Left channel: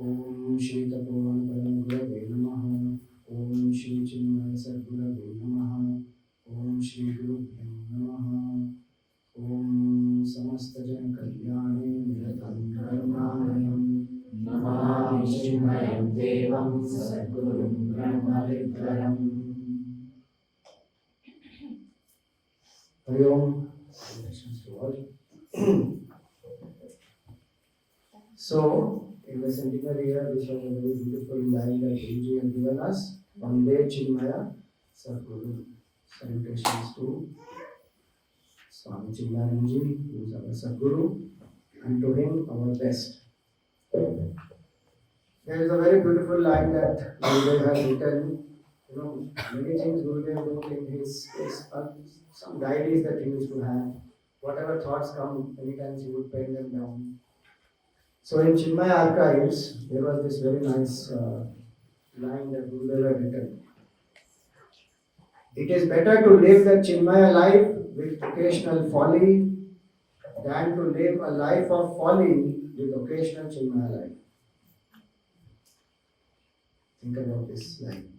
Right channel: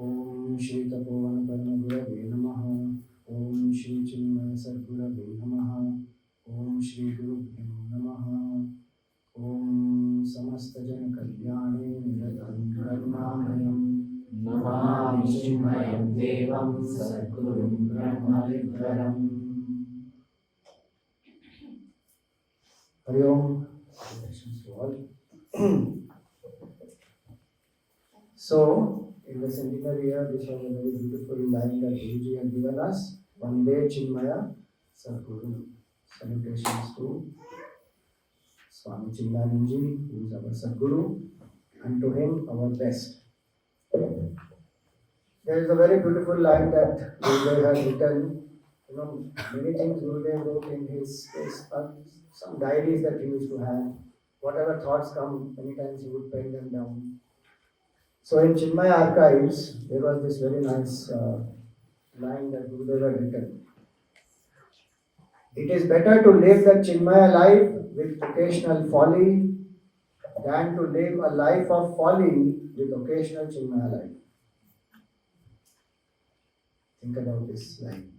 Om Shri Tapovan Paramaguravve Namaha. Om Shri Chinmaya Sadgurave Namaha. Om Shri Gurubhyo Namaha. Om Samastajan Kalyane Nidatam Karmanayam Namami Chinmayam Devam Sadgurum Brahmavidvaram. Hari Om. So, in the centenary year, we have a very beautiful line that Guruji has given us. Vande Chinmaya Sadguru. Salutations to Swami Chinmayananda, who is our Sadguru, and to him our best. There is a very beautiful line that Gurudev has written. Many things Gurudev wrote in his some diaries that he used to have. Whatever thoughts come, many times he would pen them down. So in Chinmaya archives, there was this very nice line that Gurudev had written. It is better to live the Chinmaya life with occasional folly than to live a life of folly with occasional Chinmaya life. Think about this line.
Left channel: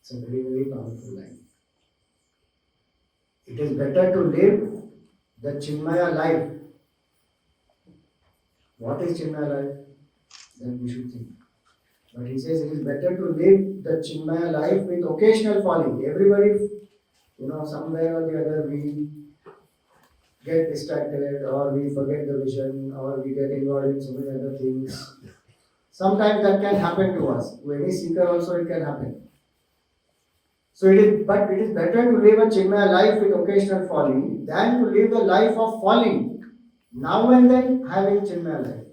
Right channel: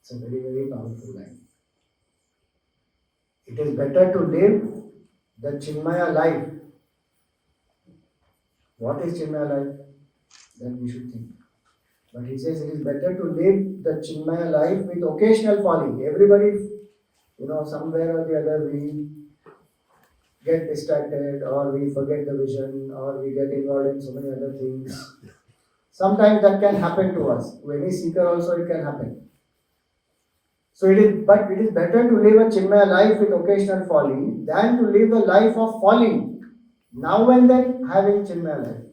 It's a very, very powerful line. It is better to live the Chinmaya life. What is Chinmaya life? That we should think. But he says it is better to live the Chinmaya life with occasional folly. Everybody, somewhere or the other we get distracted, or we forget the vision, or we get involved in so many other things. Sometimes that can happen to us. To any seeker also it can happen. So it is better to live a Chinmaya life with occasional folly than to live a life of folly. Now and then having Chinmaya life.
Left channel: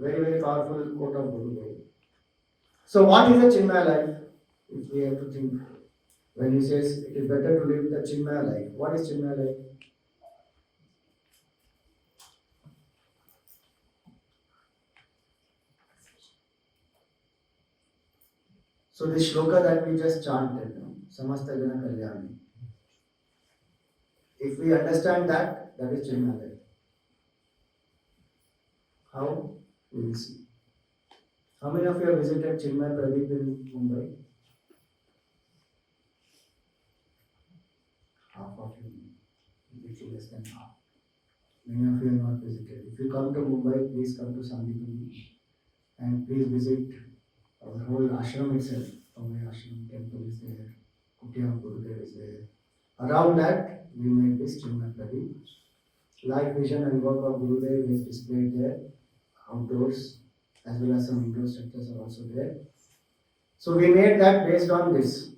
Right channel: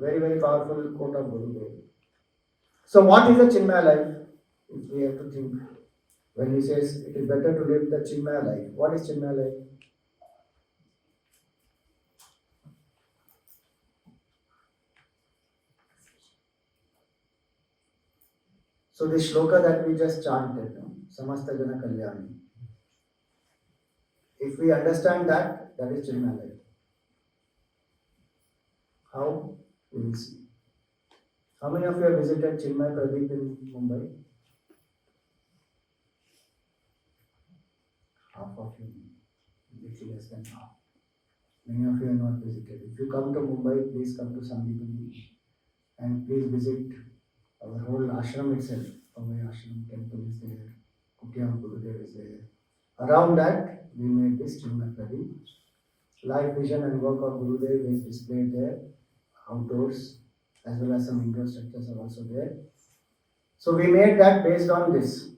Very, very powerful quote of Gurudev. So what is a Chinmaya life? If we have to think. When he says it is better to live the Chinmaya life. What is Chinmaya life? So the shloka that we just chanted, Samasta Jana Kalyani. If we understand that, that is Chinmaya life. How? We will see. How many of you have visited Chinmaya Pradeep in Mumbai? Half of you, little less than half. Many of you have not visited. If you come to Mumbai, please come to Sandipuri and please visit our whole ashram itself. Mumbai ashram temple is there, Kutyam Gurudev is there. Around that, we made this Chinmaya Pradeep. Life vision and work of Gurudev is displayed there, outdoors, as well as some indoor structures are also there. So we made that based on this.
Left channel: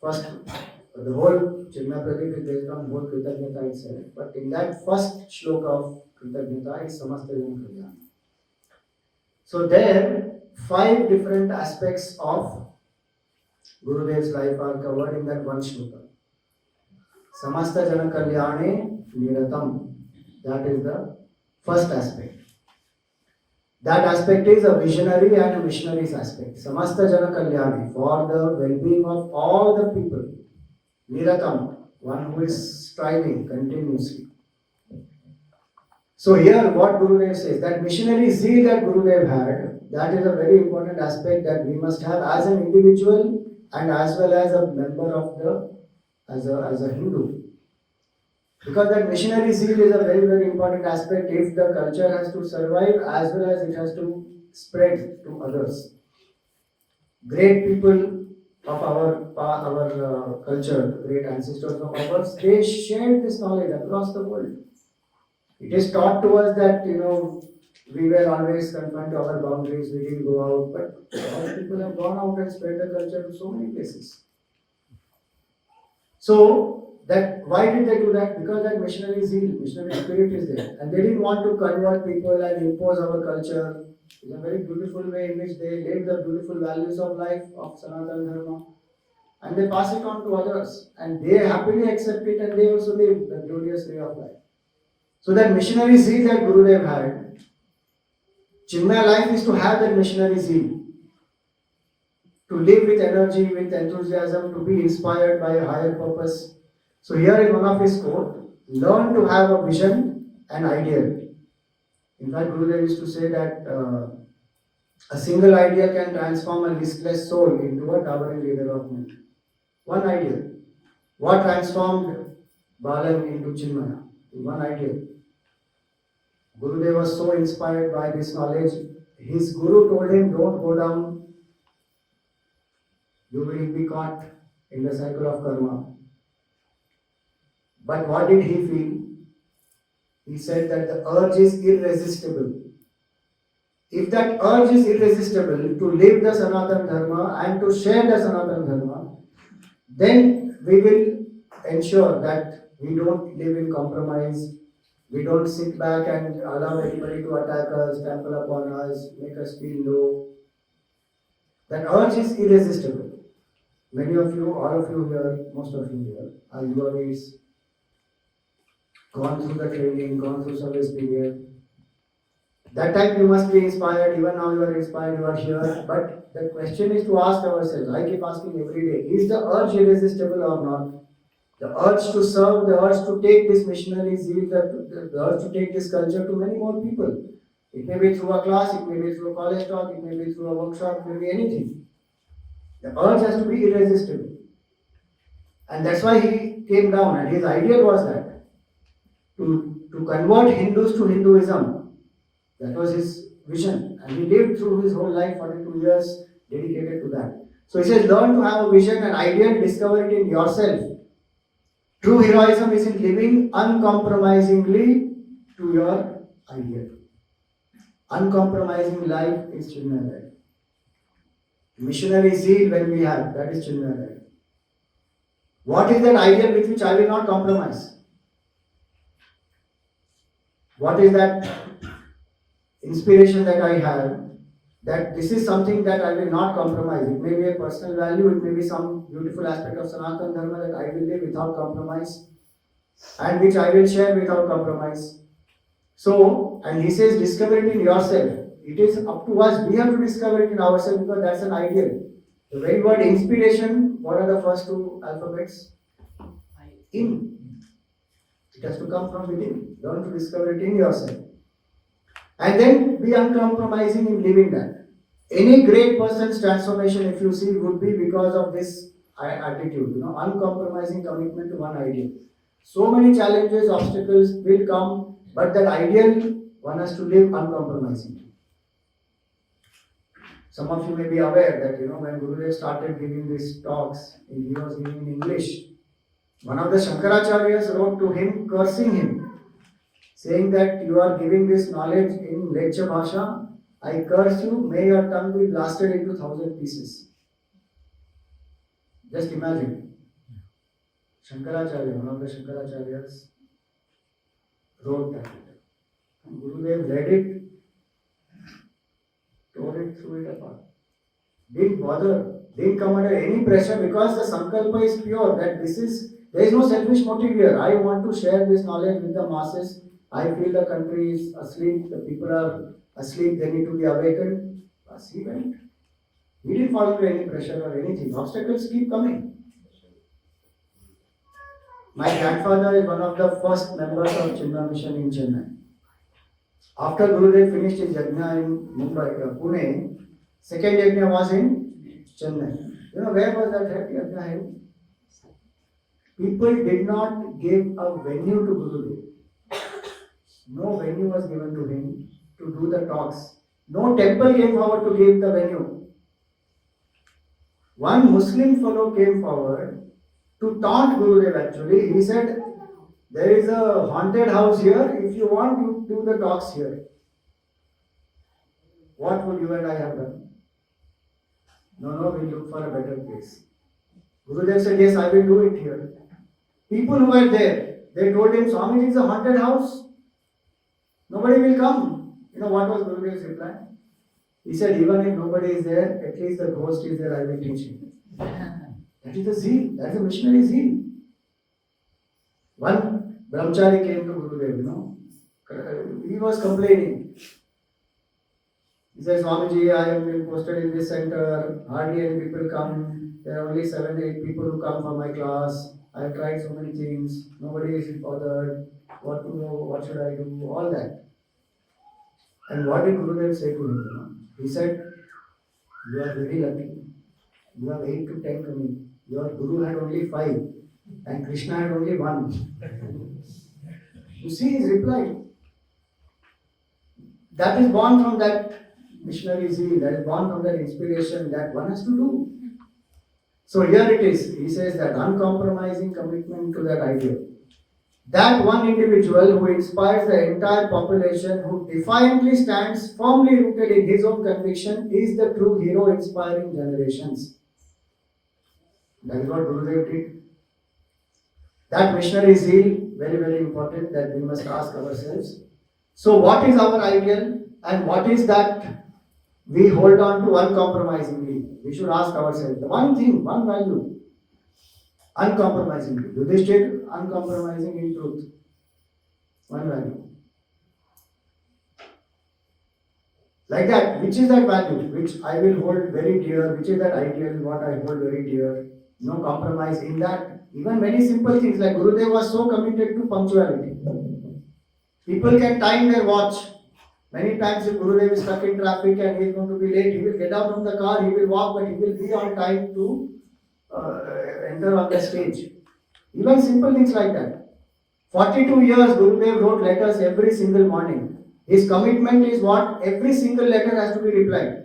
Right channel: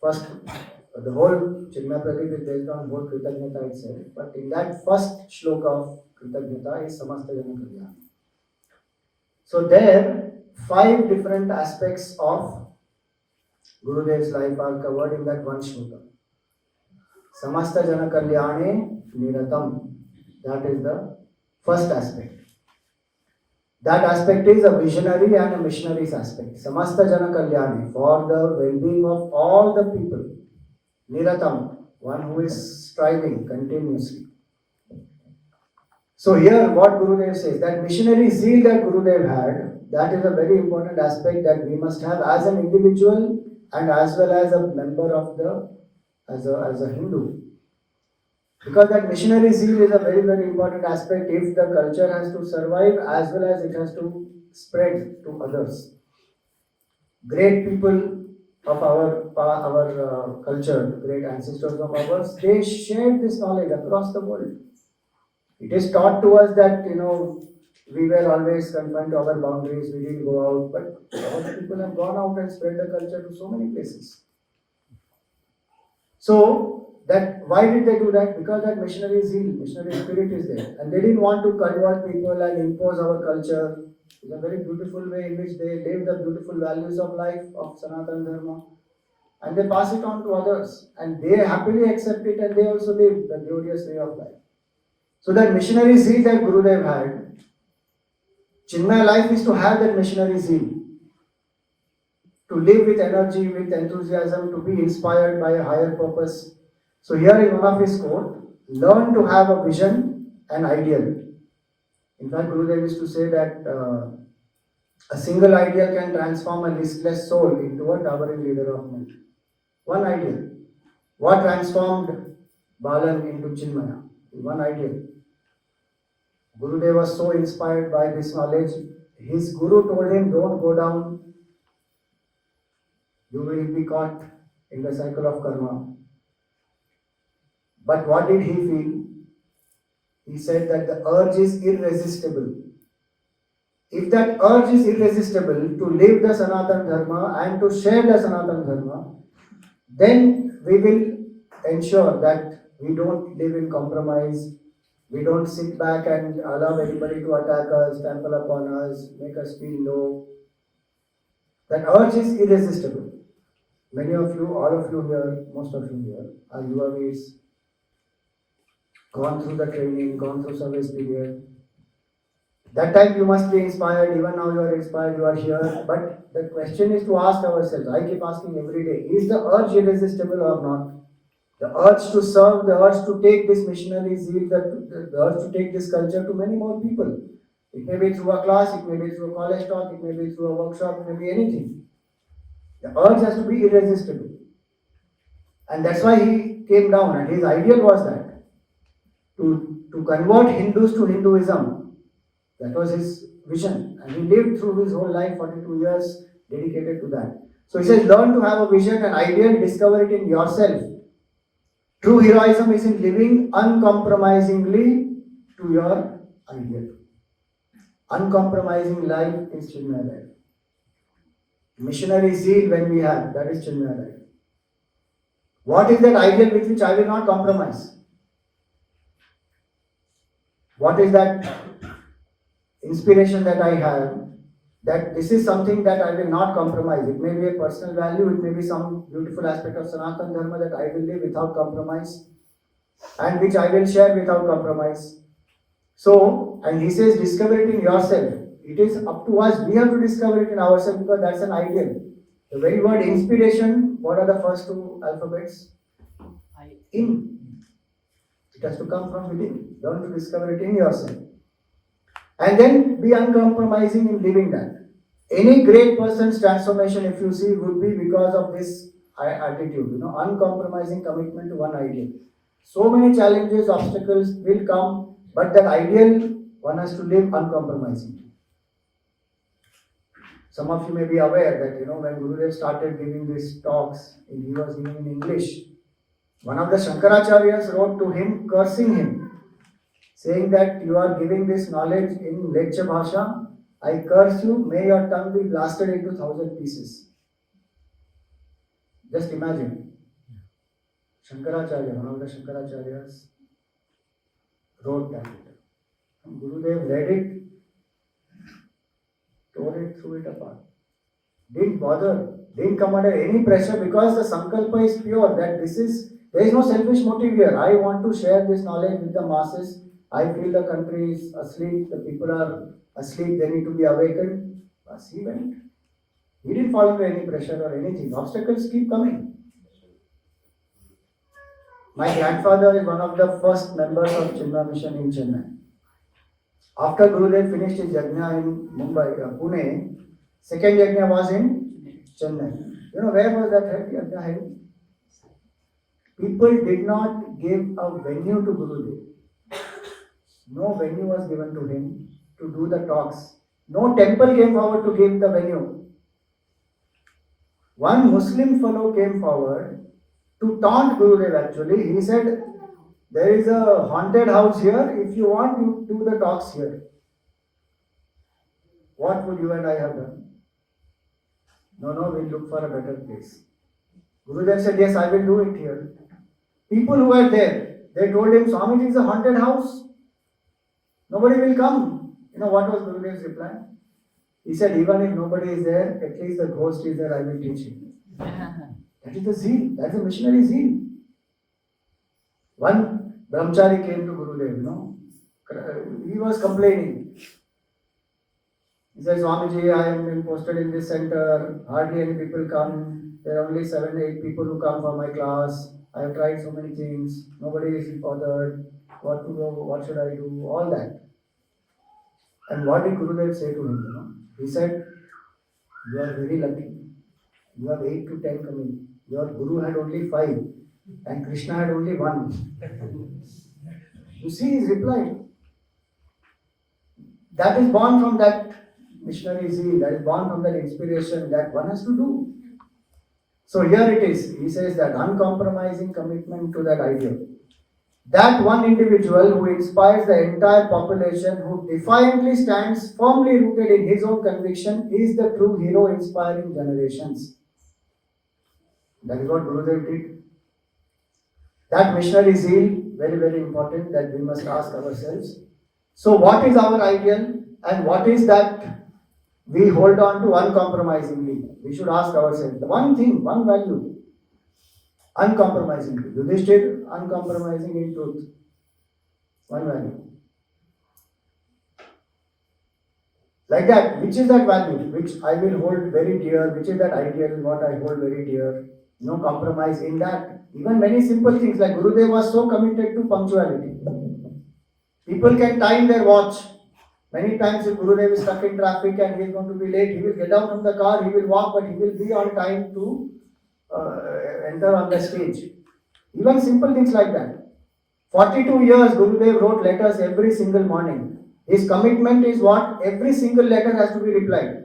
First, the whole Chinmaya Pradeep is based on whole Kritagnyata itself. But in that first shloka of Kritagnyata is Samasta Jana Kalyani. So there, 5 different aspects of Gurudev's life are covered in that one shloka. Samasta Jana Kalyane Niratam. That is the first aspect. That aspect is a visionary and a missionary's aspect. Samasta Jana Kalyane, for the well-being of all the people. Niratam, one who is striving continuously. So here what Gurudev says, that missionary zeal that Gurudev had, that is a very important aspect that we must have as an individual and as well as a member of as a Hindu. Because that missionary zeal is a very, very important aspect if the culture has to survive as well as it has to spread to others. Great people of our culture, great ancestors of ours, they shared this knowledge across the world. It is taught to us that, we were always confined to our boundaries, we didn't go out, but our people have gone out and spread the culture to so many places. So, that why did they do that? Because that missionary zeal, missionary spirit is there. And they didn't want to convert people and impose our culture. It's a very beautiful way in which they live the beautiful values of life of Sanatana Dharma. And they pass it on to others. And they happily accept it and they also live the glorious way of life. So that missionary zeal that Gurudev had, Chinmaya life is to have that missionary zeal. To live with energy, with enthusiasm, to be inspired by a higher purpose. So here in one of his quote, learn to have a vision and ideal. In fact, Gurudev used to say that a single idea can transform a listless soul into a towering leader of men. One idea. What transformed Balam into Chinmaya? One idea. Gurudev was so inspired by this knowledge. His guru told him, don't go down, you will be caught in the cycle of karma. But what did he feel? He said that the urge is irresistible. If that urge is irresistible to live the Sanatana Dharma and to share the Sanatana Dharma, then we will ensure that we don't live in compromise. We don't sit back and allow anybody to attack us, trample upon us, make us feel low. That urge is irresistible. Many of you, all of you here, most of you here, are your ways, gone through the training, gone through service period. That time you must be inspired, even now you are inspired, you are here. But the question is to ask ourselves, I keep asking every day, is the urge irresistible or not? The urge to serve, the urge to take this missionary zeal, the urge to take this culture to many more people. It may be through a class, it may be through a college talk, it may be through a workshop, it may be anything. The urge has to be irresistible. And that's why he came down, and his ideal was that to convert Hindus to Hinduism. That was his vision. And he lived through his whole life, 42 years, dedicated to that. So he says, learn to have a vision, an ideal, discover it in yourself. True heroism is in living uncompromisingly to your ideal. Uncompromising life is Chinmaya life. Missionary zeal when we have, that is Chinmaya life. What is that ideal with which I will not compromise? What is that inspiration that I have, that this is something that I will not compromise? It may be a personal value, it may be some beautiful aspect of Sanatana Dharma that I will live without compromise and which I will share without compromise. So, and he says, discover it in yourself. It is up to us, we have to discover it in ourselves because that's an ideal. The very word inspiration, what are the first two alphabets? In. It has to come from within. Learn to discover it in yourself. And then be uncompromising in living that. Any great person's transformation, if you see, would be because of this attitude, uncompromising commitment to one ideal. So many challenges, obstacles will come, but that ideal, one has to live uncompromising. Some of you may be aware that, when Gurudev started giving these talks, he was giving in English. One of the Shankaracharyas wrote to him, cursing him, saying that you are giving this knowledge in lecture bhasha. I curse you, may your tongue be blasted into 1,000 pieces. Just imagine. Shankaracharya, one of the Shankaracharyas, wrote that. And Gurudev read it, tore it, threw it apart. Didn't bother, didn't come under any pressure because the sankalpa is pure, that there is no selfish motive here. I want to share this knowledge with the masses. I feel the country is asleep, the people are asleep, they need to be awakened. As he went. He didn't fall under any pressure or anything. Obstacles keep coming. My grandfather is one of the first members of Chinmaya Mission in Chennai. After Gurudev finished his yajna in Mumbai, Pune, second yajna was in Chennai. Where was that yajna held? People did not give a venue to Gurudev. No venue was given to him to do the talks. No temple came forward to give the venue. One Muslim fellow came forward to taunt Gurudev actually. He said, there is a haunted house here. If you want, you do the talks here. What would you and I have done? No, we look for a better place. Gurudev said, yes, I will do it here. People who were there, they told him, Swami, it is a haunted house. Nobody will come. What was Gurudev's reply? He said, even if nobody is there, at least the ghost is there, I will teach him. That is the zeal. That is the missionary zeal. One brahmachari came to Gurudev, he was complaining. He says, Swamiji, I have been posted in this center, hardly any people come. There are only 7 8 people who come for my class. I have tried so many things. Nobody is bothered. What to do? What should I do? All that. And what did Gurudev say to him? He said, "You are very lucky. You have 8 to 10 coming. Your Guru had only 5, and Krishna had only 1." You see his reply. That is born from that missionary zeal, that is born from that inspiration that one has to do. So here it is. He says that uncompromising commitment to that ideal. That one individual who inspires the entire population, who defiantly stands firmly rooted in his own conviction, is the true hero inspiring generations. That is what Gurudev did. That missionary zeal, very, very important, that we must ask ourselves. So, what is our ideal and what is that we hold on to uncompromisingly? We should ask ourselves the one thing, one value, uncompromisingly. Yudhishthir, uncompromising in truth. One value. Like that, which is that value which I will hold very dear, which is that ideal, what I hold very dear. No compromise in that. Even very simple things like Gurudev was so committed to punctuality. People can time their watch. Many times if Gurudev is stuck in traffic and he is going to be late, he will get out from the car, he will walk, but he will be on time to enter on the stage. Even simple things like that. 42 years Gurudev wrote letters every single morning. His commitment is what? Every single letter has to be replied.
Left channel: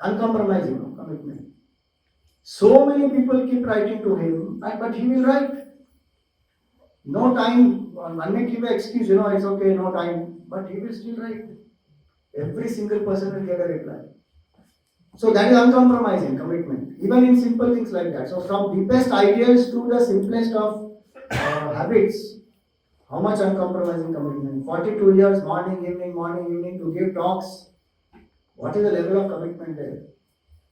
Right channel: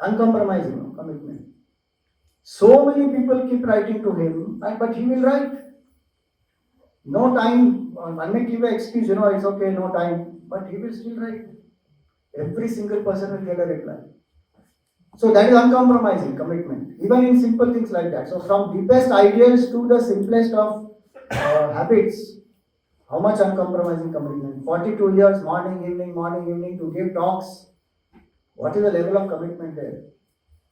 Uncompromising commitment. So many people keep writing to him, but he will write. No time, one may give an excuse, it's okay, no time, but he will still write. Every single person will get a reply. So that is uncompromising commitment, even in simple things like that. So from deepest ideals to the simplest of habits, how much uncompromising commitment? 42 years, morning, evening to give talks. What is the level of commitment there?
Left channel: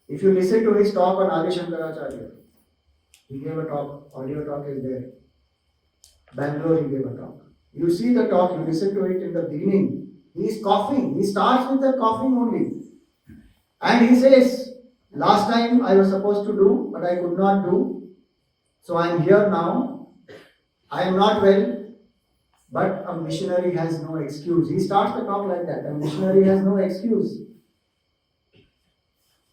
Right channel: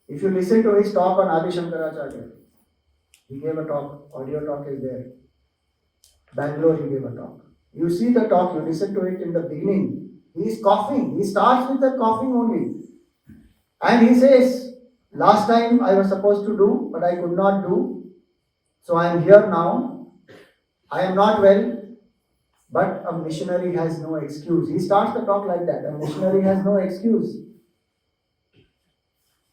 If you listen to his talk on Adi Shankaracharya, he gave a talk, audio talk is there. Bangalore, he gave a talk. You see the talk, you listen to it in the beginning. He is coughing. He starts with the coughing only. And he says, last time I was supposed to do, but I could not do. So I am here now. I am not well, but a missionary has no excuse. He starts the talk like that. A missionary has no excuse.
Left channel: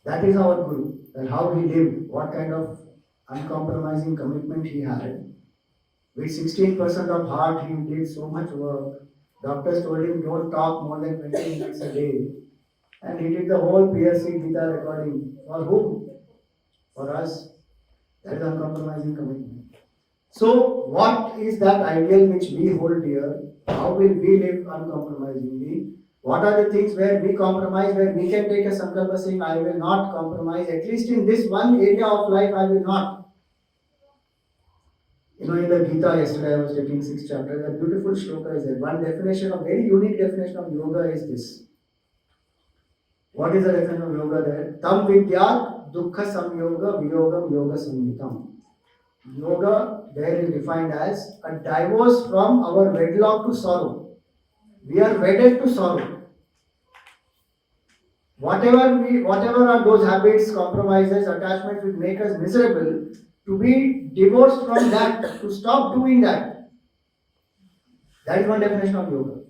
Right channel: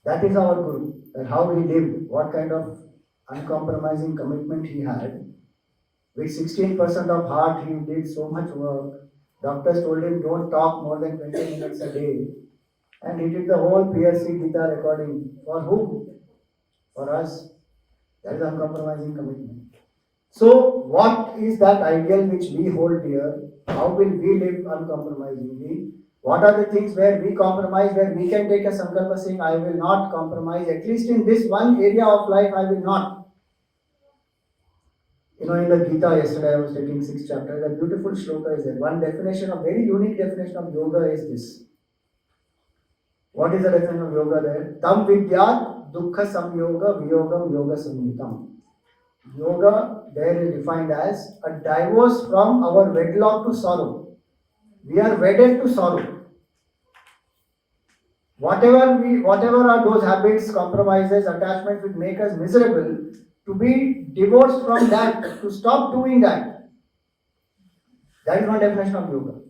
That is our Guru. That how he lived, what kind of uncompromising commitment he had. With 16% of heart, he did so much work. Doctors told him, don't talk more than 20 minutes a day. And he did the whole PRC Gita recording. For whom? For us. That is uncompromising commitment. So, what is that ideal which we hold dear? How will we live uncompromisingly? What are the things where we compromise, where we can take a sankalpa saying, I will not compromise, at least in this one area of life, I will not. In the Gita, yesterday I was taking 6th chapter, the beautiful shloka is there. One definition, a very unique definition of yoga is this. What is the definition of yoga there? Tam vidyat dukkha samyoga viyogam yoga samhitam. Yoga there is defined as a divorce from our wedlock to sorrow. We are wedded to sorrow. Whatever are those habits, compromises, attachments which make us miserable, to be divorced from that, to stop doing that. That is one definition of yoga.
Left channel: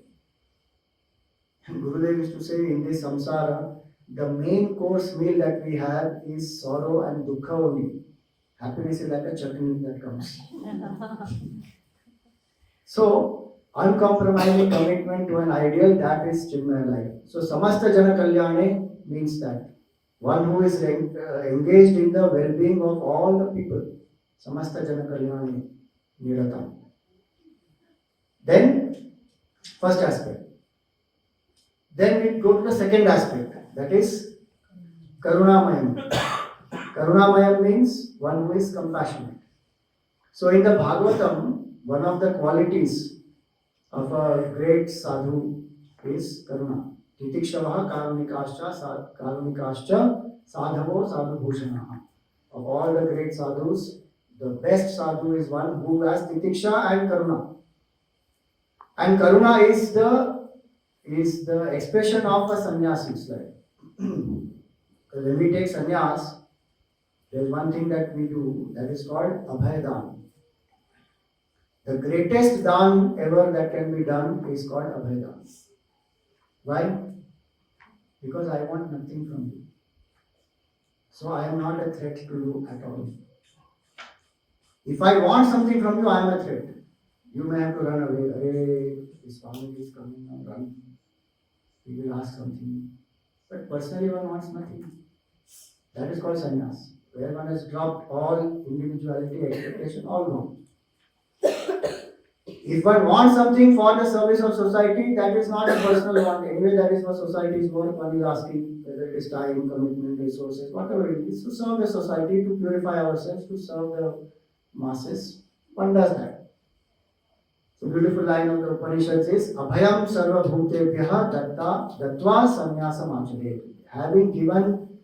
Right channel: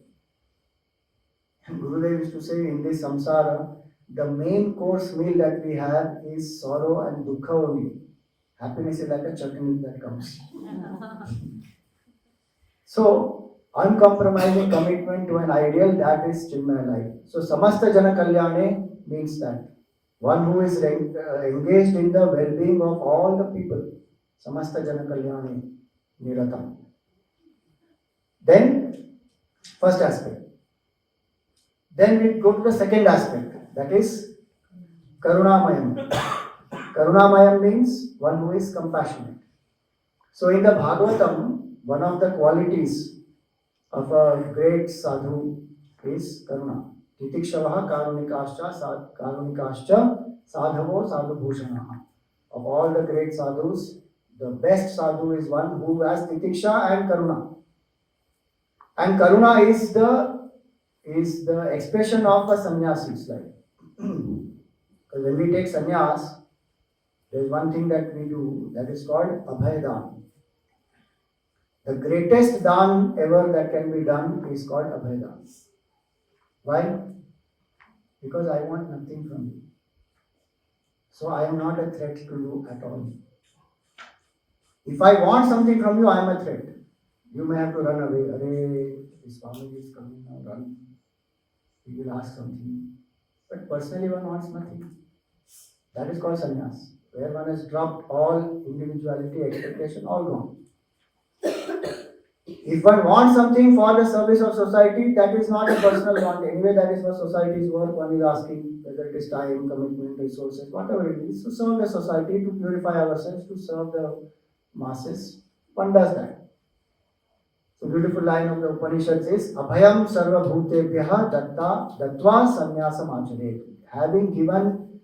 And Gurudev used to say in this samsara, the main course meal that we have is sorrow and dukkha only. Happiness is like a chutney that comes. So, uncompromising commitment to an ideal, that is Chinmaya life. So, Samasta Jana Kalyane means that. One who is engaged in the well-being of all the people. Samasta Jana Kalyane Niratam. Then, first aspect. Then we go to the second aspect. That is Karunamayam. Karunamayam means one who is compassionate. So in the Bhagavatam, one of the qualities of a great sadhu is Karuna. Titikshavaha karunikascha sadhavo sadhubhushanaha. Of all the great sadhus, the best sadhu is one who has Titiksha and Karuna. And Karuna is the expression of a sannyasi's life. When we take sannyas, there is one thing that we do that is called Abhaydan. The greatest dan ever that can be done is called Abhaydan. Why? Because I want nothing from you. So I am not a threat to you at all. If I want something from you, I am a threat. You may have to run away. Arey, this family is coming now, run. He will ask something. But personally, one wants nothing. That is called sannyas, where one has dropped all individuality, expectation, all gone. If one wants something for the service of society, that is not a personal want. Anyway, that is for society's work. One is asking whether it is time, commitment, resources, whatever it is, to serve the society, to purify ourselves, to serve the masses. One does that. So beautiful line of the Upanishad says, Abhayam sarva bhutebhyaha datta dattva sannyasam achade. Having given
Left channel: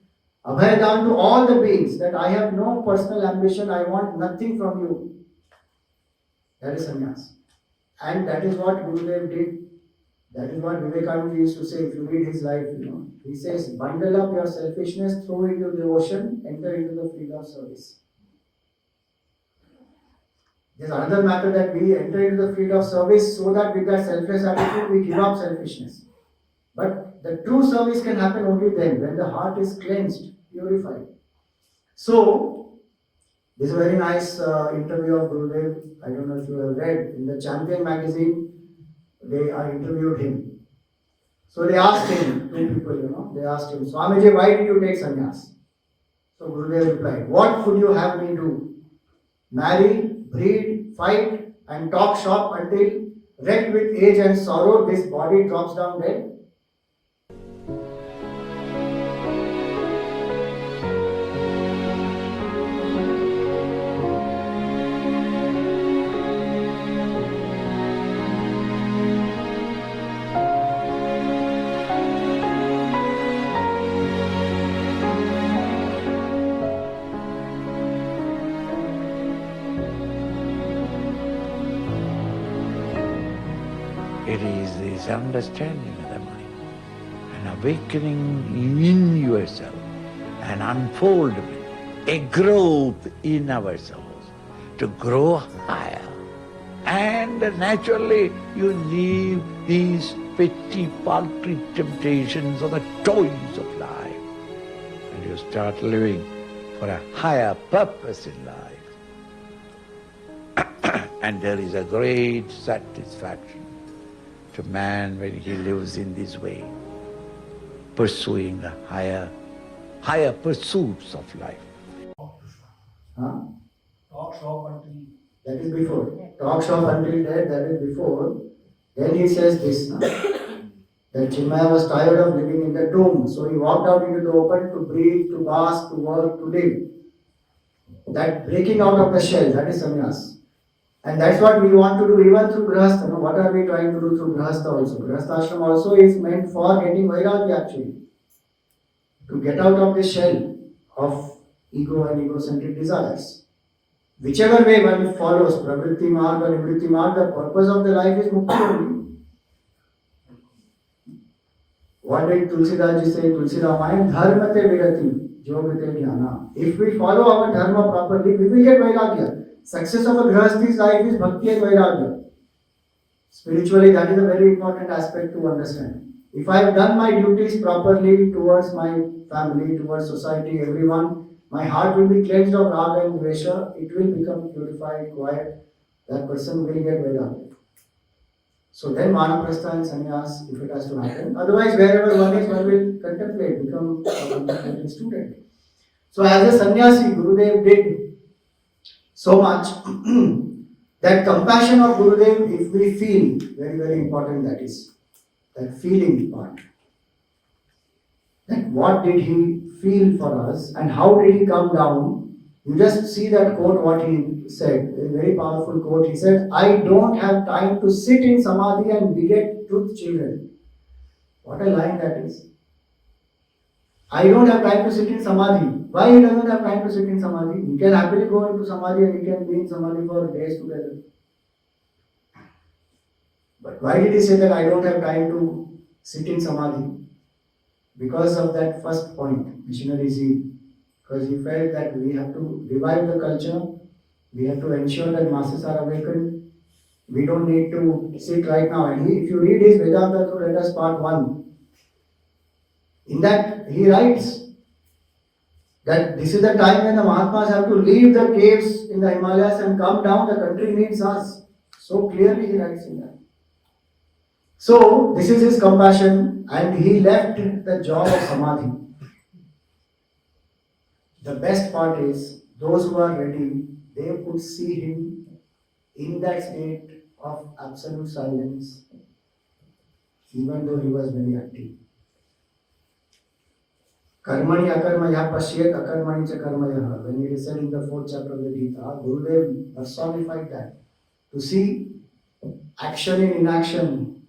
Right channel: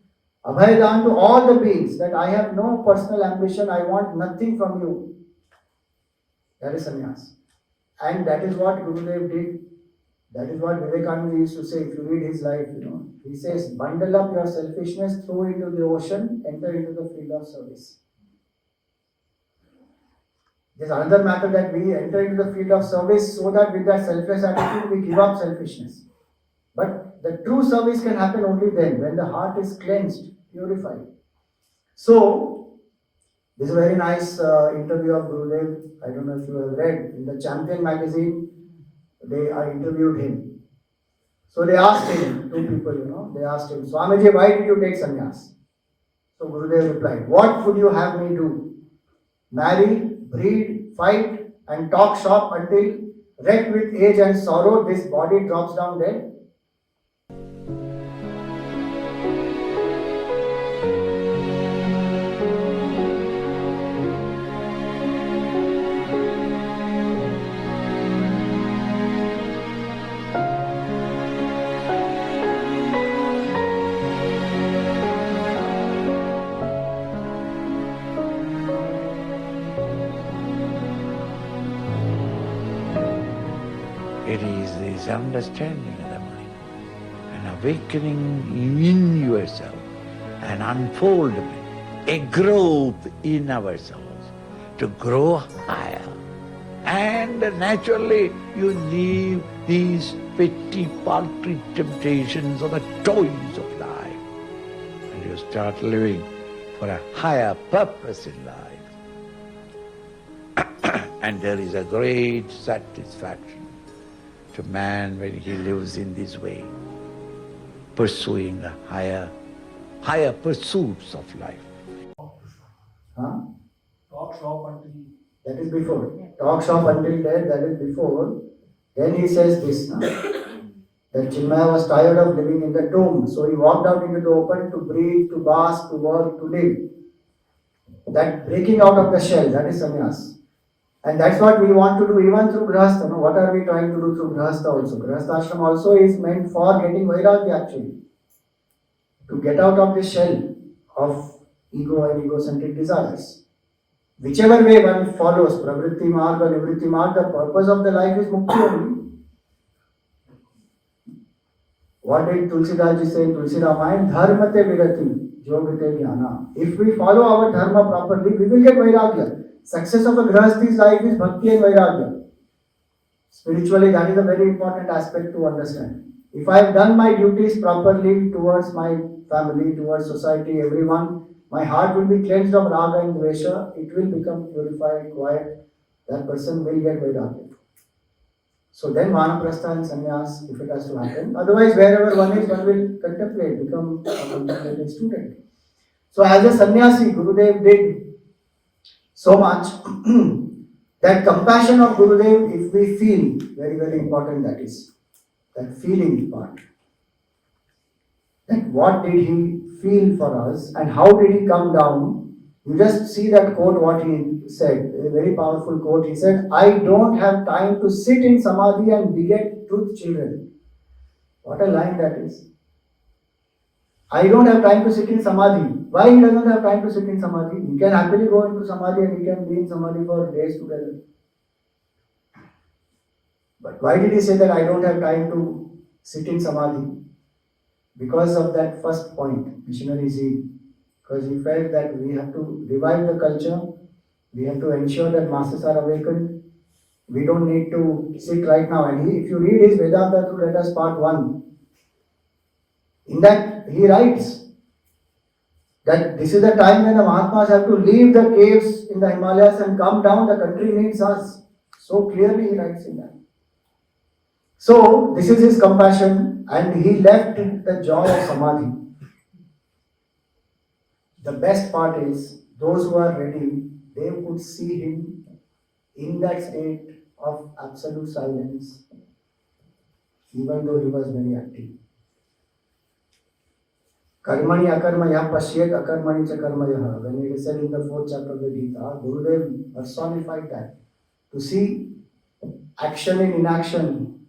abhayadam to all the beings, that I have no personal ambition, I want nothing from you. That is sannyas. And that is what Gurudev did. That is what Vivekananda used to say. If you read his life, he says, bundle up your selfishness, throw it into the ocean, enter into the field of service. There's another matter that we enter into the field of service so that with that selfless attitude we give up selfishness. But the true service can happen only then, when the heart is cleansed, purified. So, this is a very nice interview of Gurudev. I don't know if you have read. In the Champion magazine, they interviewed him. So they asked him, two people, they asked him, Swamiji, why did you take sannyas? So Gurudev replied, what would you have me do? Marry, breed, fight, and talk shop until, wrecked with age and sorrow, this body drops down dead? It is this understanding of the mind, an awakening in yourself, an unfoldment, a growth in ourselves to grow higher. And naturally you leave these petty, paltry temptations or the toys of life, and you start living for a higher purpose in life. And there is a great satisfaction to man when he lives in this way, pursuing the higher pursuits of life. Talk shop until that is before. Talk shop until that is before. Then he says this that Chinmaya was tired of living in the tomb, so he walked out into the open to breathe, to bask, to work, to live. That breaking out of the shell, that is sannyas. And that's what we want to do even through Grihastha. What are we trying to do through Grihastha also? Grihastha ashram also is meant for getting Vairagya actually. To get out of the shell of ego and egocentric desires. Whichever way one follows, Pravritti Marg or Nivritti Marg, the purpose of the life is Mukti only. What did Tulsidas ji say? Tulsi Ramayana, Dharmate Virati, Yogate Jnana. If we follow our dharma properly, we will get Vairagya. Success of a Grihasthi's life is Bhakti and Vairagya. Spiritually, that is a very important aspect to understand. If I have done my duties properly towards my family, towards society, everyone, my heart will be cleansed of raga and dvesha, it will become purified, quiet, that person will get Vairagya. So then Vanaprastha and sannyas, if it has to happen. Otherwise, wherever one is, one will contemplate, become a contemplating student. So as a sannyasi, Gurudev did so much that compassion of Gurudev, if we feel, very, very important that is, that feeling part. That what did he feel for us and how did he come down? You just see that quote, what he said, a very powerful quote. He said, I don't have time to sit in samadhi and beget truth children. What a line that is. I don't have time to sit in samadhi. Why he doesn't have time to sit in samadhi? He can happily go into samadhi and he can be in samadhi for days together. But why did he say that I don't have time to sit in samadhi? Because of that first point, missionary zeal. Because he felt that we have to revive the culture, we have to ensure that masses are awakened. We don't need to sit right now. And if you read his Vedanta through letters part 1, In that, he writes that this is the time when the Mahatmas have to leave the caves in the Himalayas and come down, the country needs us. So clearly he writes in that. So this is his compassion, and he left the joy of Samadhi. The best part is, those who are ready, they could see him in that state of absolute silence, even though he was very active. Karmani akarmaya pashyet akarmani cha karmaya. When it is said in the 4th chapter of the Gita, Gurudev personified that. To see action in inaction,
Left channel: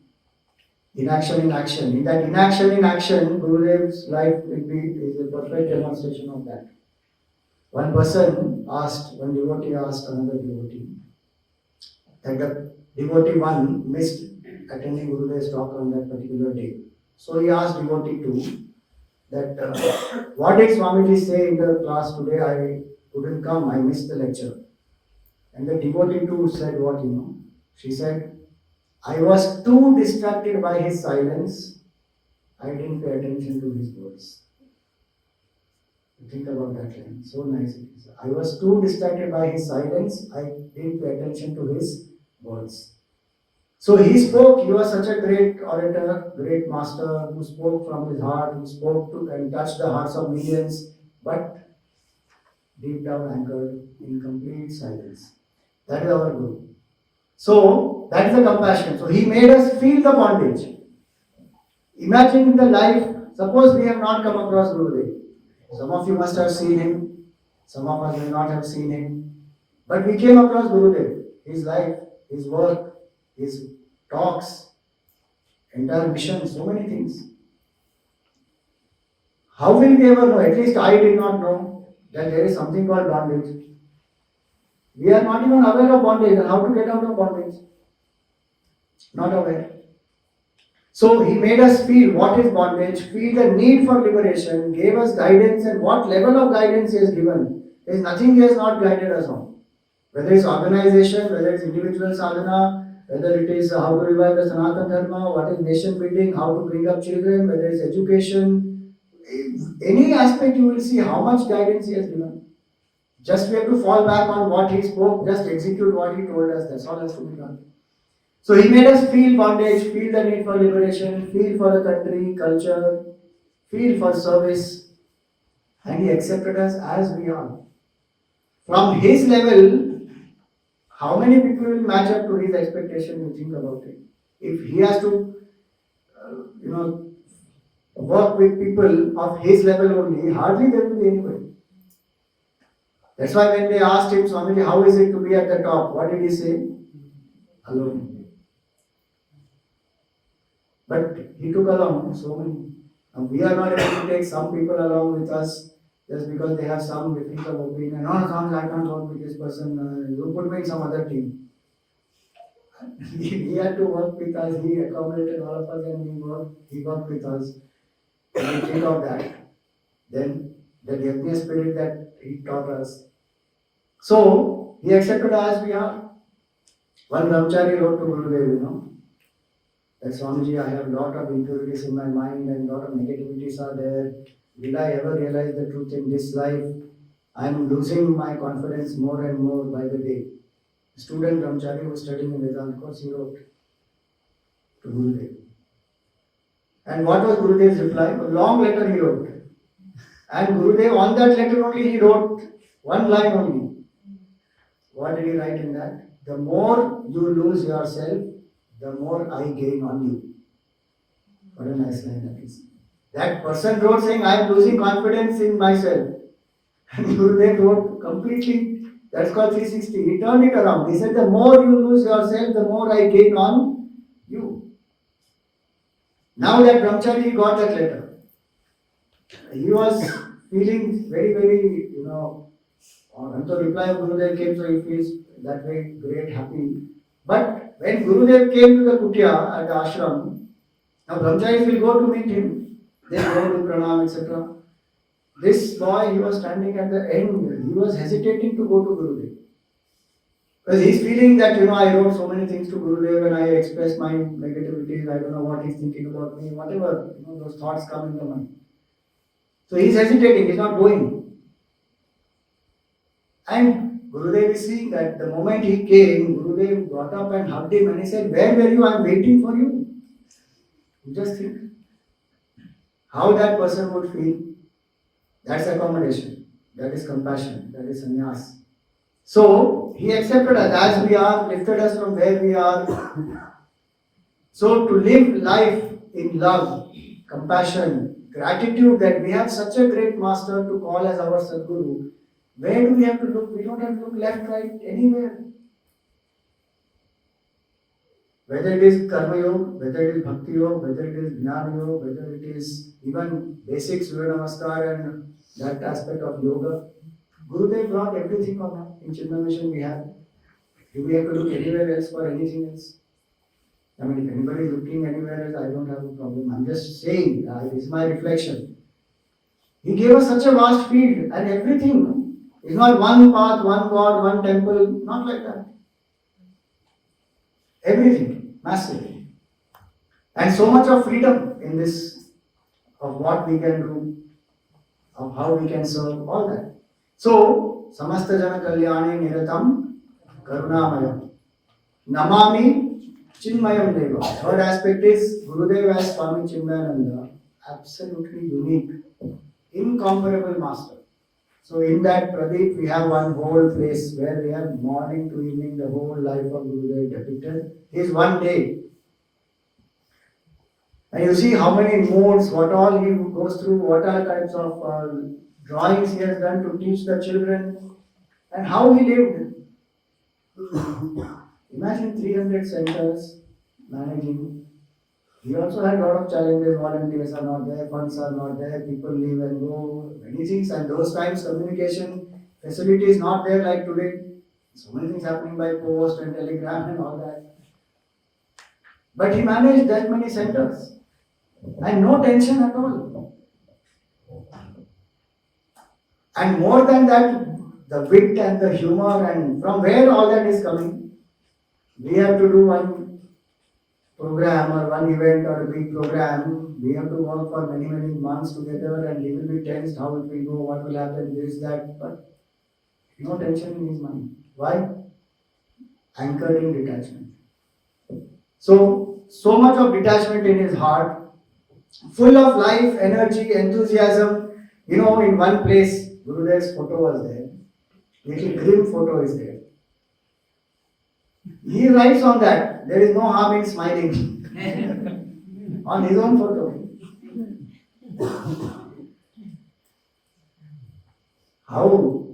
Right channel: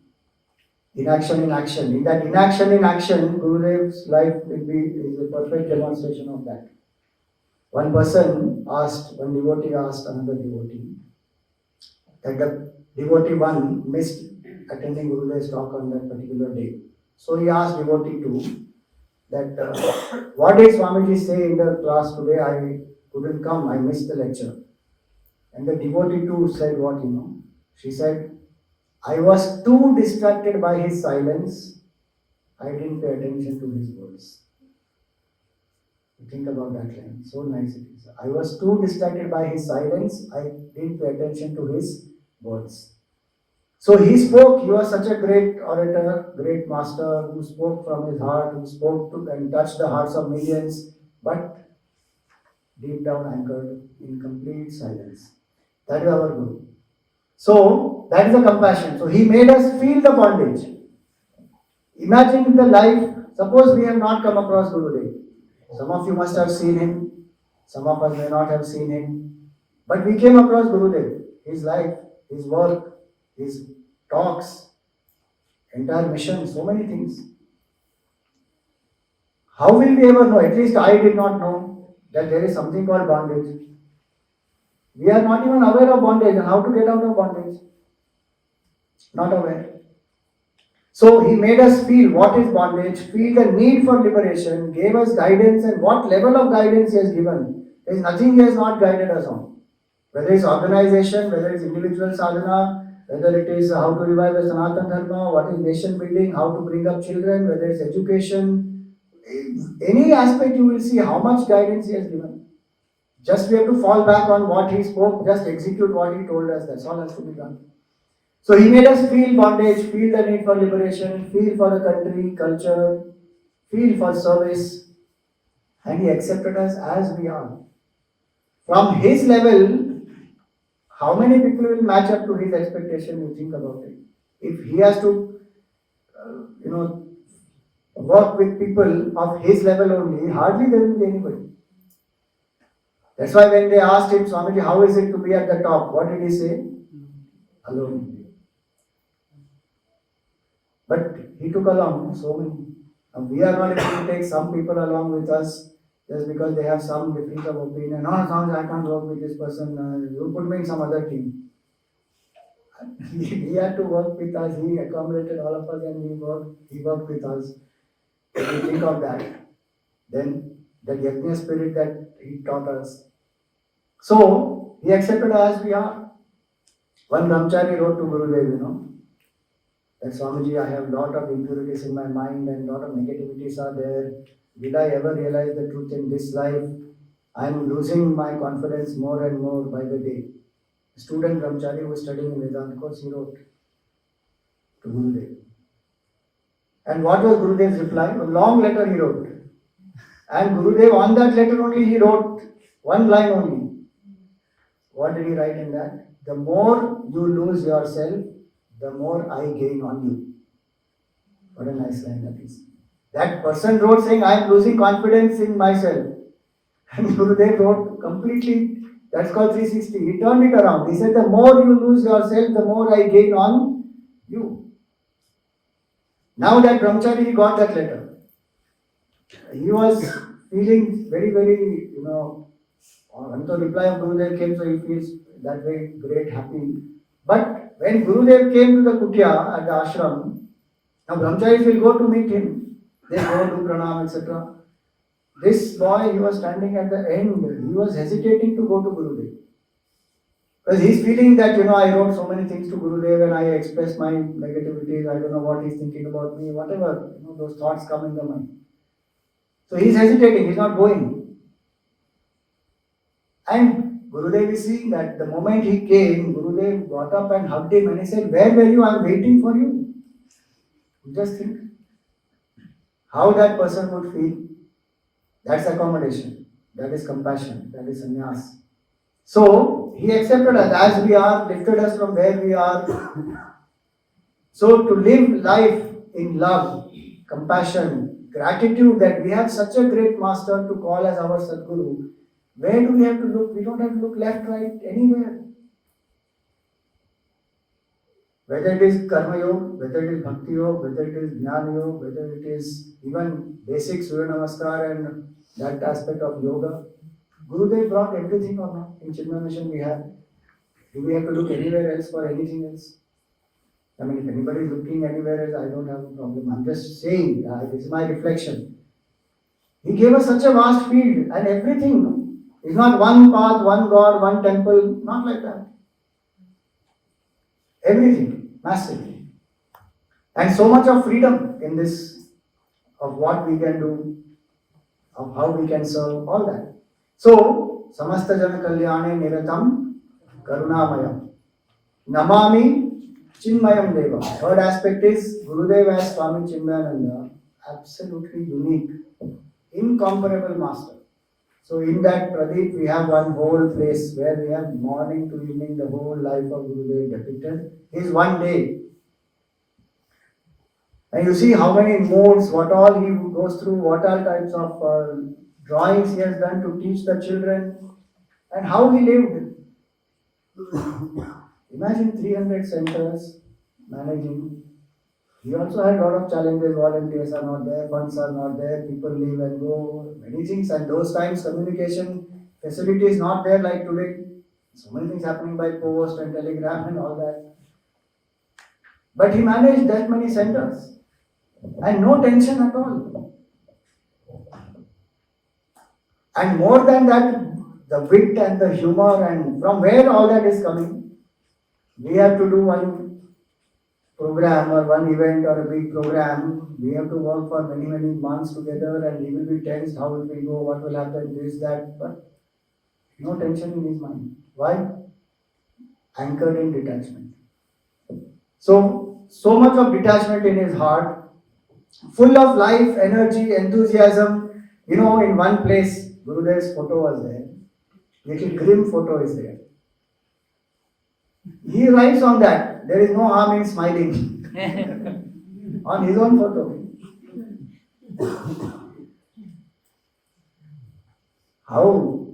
inaction in action. In that inaction in action, Gurudev's life is a perfect demonstration of that. One devotee asked another devotee, that the devotee 1 missed attending Gurudev's talk on that particular day. So he asked devotee 2, that what did Swamiji say in the class today? I couldn't come, I missed the lecture. And the devotee 2 said what, She said, I was too distracted by his silence, I didn't pay attention to his words. Think about that line, so nice it is. I was too distracted by his silence, I didn't pay attention to his words. So he spoke, he was such a great orator, great master, who spoke from his heart, who spoke to and touched the hearts of millions, but deep down anchored in complete silence. That is our Guru. So that is the compassion. So he made us feel the bondage. Imagine the life, suppose we have not come across Gurudev. Some of you must have seen him, some of us may not have seen him, but we came across Gurudev, his life, his work, his talks, entire mission, so many things. How will we ever know? At least I did not know that there is something called bondage. We are not even aware of bondage and how to get out of bondage. Not aware. So he made us feel what is bondage, feel the need for liberation, gave us guidance, and what level of guidance he has given. There is nothing he has not guided us on. Whether it's organization, whether it's individual sadhana, whether it is how to revive the Sanatana Dharma, what is nation building, how to bring up children, whether it's education, any aspect you will see how much guidance he has given. Just we have to fall back on what he spoke, just execute what he told us, that's all has to be done. So he made us feel bondage, feel the need for liberation, feel for the country, culture, feel for service, and he accepted us as we are. From his level, how many people will match up to his expectation? You think about it. If he has to, work with people of his level only, hardly there will be anybody. That's why when they asked him, Swamiji, how is it to be at the top? What did he say? Alone. But he took along so many. And we are not able to take some people along with us just because they have some difference of opinion. No, I can't work with this person. You put me in some other team. He had to work with us. He accommodated all of us and he worked with us. When you think of that, then the yajna spirit that he taught us. So, he accepted us as we are. One brahmachari wrote to Gurudev, that Swamiji, I have a lot of impurities in my mind and a lot of negativities are there. Will I ever realize the truth in this life? I am losing my confidence more and more by the day. A student brahmachari who was studying in Vedanta course, he wrote to Gurudev. And what was Gurudev's reply? A long letter he wrote. And Gurudev, on that letter only, he wrote one line only. What did he write in that? The more you lose yourself, the more I gain on you. What a nice line that is. That person wrote saying, I am losing confidence in myself. And Gurudev wrote completely, that's called 360. He turned it around. He said, the more you lose yourself, the more I gain on you. Now that brahmachari got that letter, he was feeling very, very, until reply of Gurudev came, so he feels that way great, happy. But when Gurudev came to the kutia at the ashram, now brahmacharis will go to meet him. They go to pranam, etc. This boy, he was standing at the end. He was hesitating to go to Gurudev. Because he's feeling that, I wrote so many things to Gurudev and I expressed my negativities. I don't know what he's thinking about me, whatever, those thoughts come in the mind. So he is hesitating, he is not going. And Gurudev is seeing that the moment he came, Gurudev got up and hugged him and he said, "Where were you? I am waiting for you." Just think how that person would feel. That's accommodation, that is compassion, that is sannyas. So he accepted us as we are, lifted us from where we are. So to live life in love, compassion, gratitude that we have such a great master to call as our Sadguru, where do we have to look? We don't have to look left, right, anywhere. Whether it is Karma Yoga, whether it is Bhakti Yoga, whether it is Jnana Yoga, whether it is even basic Surya Namaskar and that aspect of yoga, Gurudev brought everything on now. In Chinmaya Mission we have. Do we have to look anywhere else for anything else? I mean, if anybody is looking anywhere else, I don't have a problem. I'm just saying, this is my reflection. He gave us such a vast field and everything. It's not one path, one God, one temple, not like that. Everything, massively. And so much of freedom in this, of what we can do, of how we can serve, all that. So, samasta jana kalyane niratam karunamayam. Namami Chinmayam Deva. Third aspect is Gurudev as Swami Chinmayananda, absolutely unique, incomparable master. So in that Pradeep we have one whole place where we have morning to evening the whole life of Gurudev depicted. His one day. And you see how many moods, what all he goes through, what all types of drawings he has done to teach the children, and how he lived. Imagine 300 centers managing. He also had a lot of challenges, volunteers are not there, funds are not there, people leave and go, many things, and those times communication facility is not there like today. So many things happening by post and telegram and all that. But he managed that many centers and no tension at all. And more than that, the wit and the humor and from where all that is coming. We have to do one program or one event or a big program. We have to work for many, many months together and he will be tensed, how it will go, what will happen, this, that, but no tension in his mind. Why? Anchored in detachment. So much of detachment in his heart, full of life, energy, enthusiasm. You know, in one place, Gurudev's photo was there. Little grim photo is there. He writes on that, there is no harm in smiling. On his own photo. How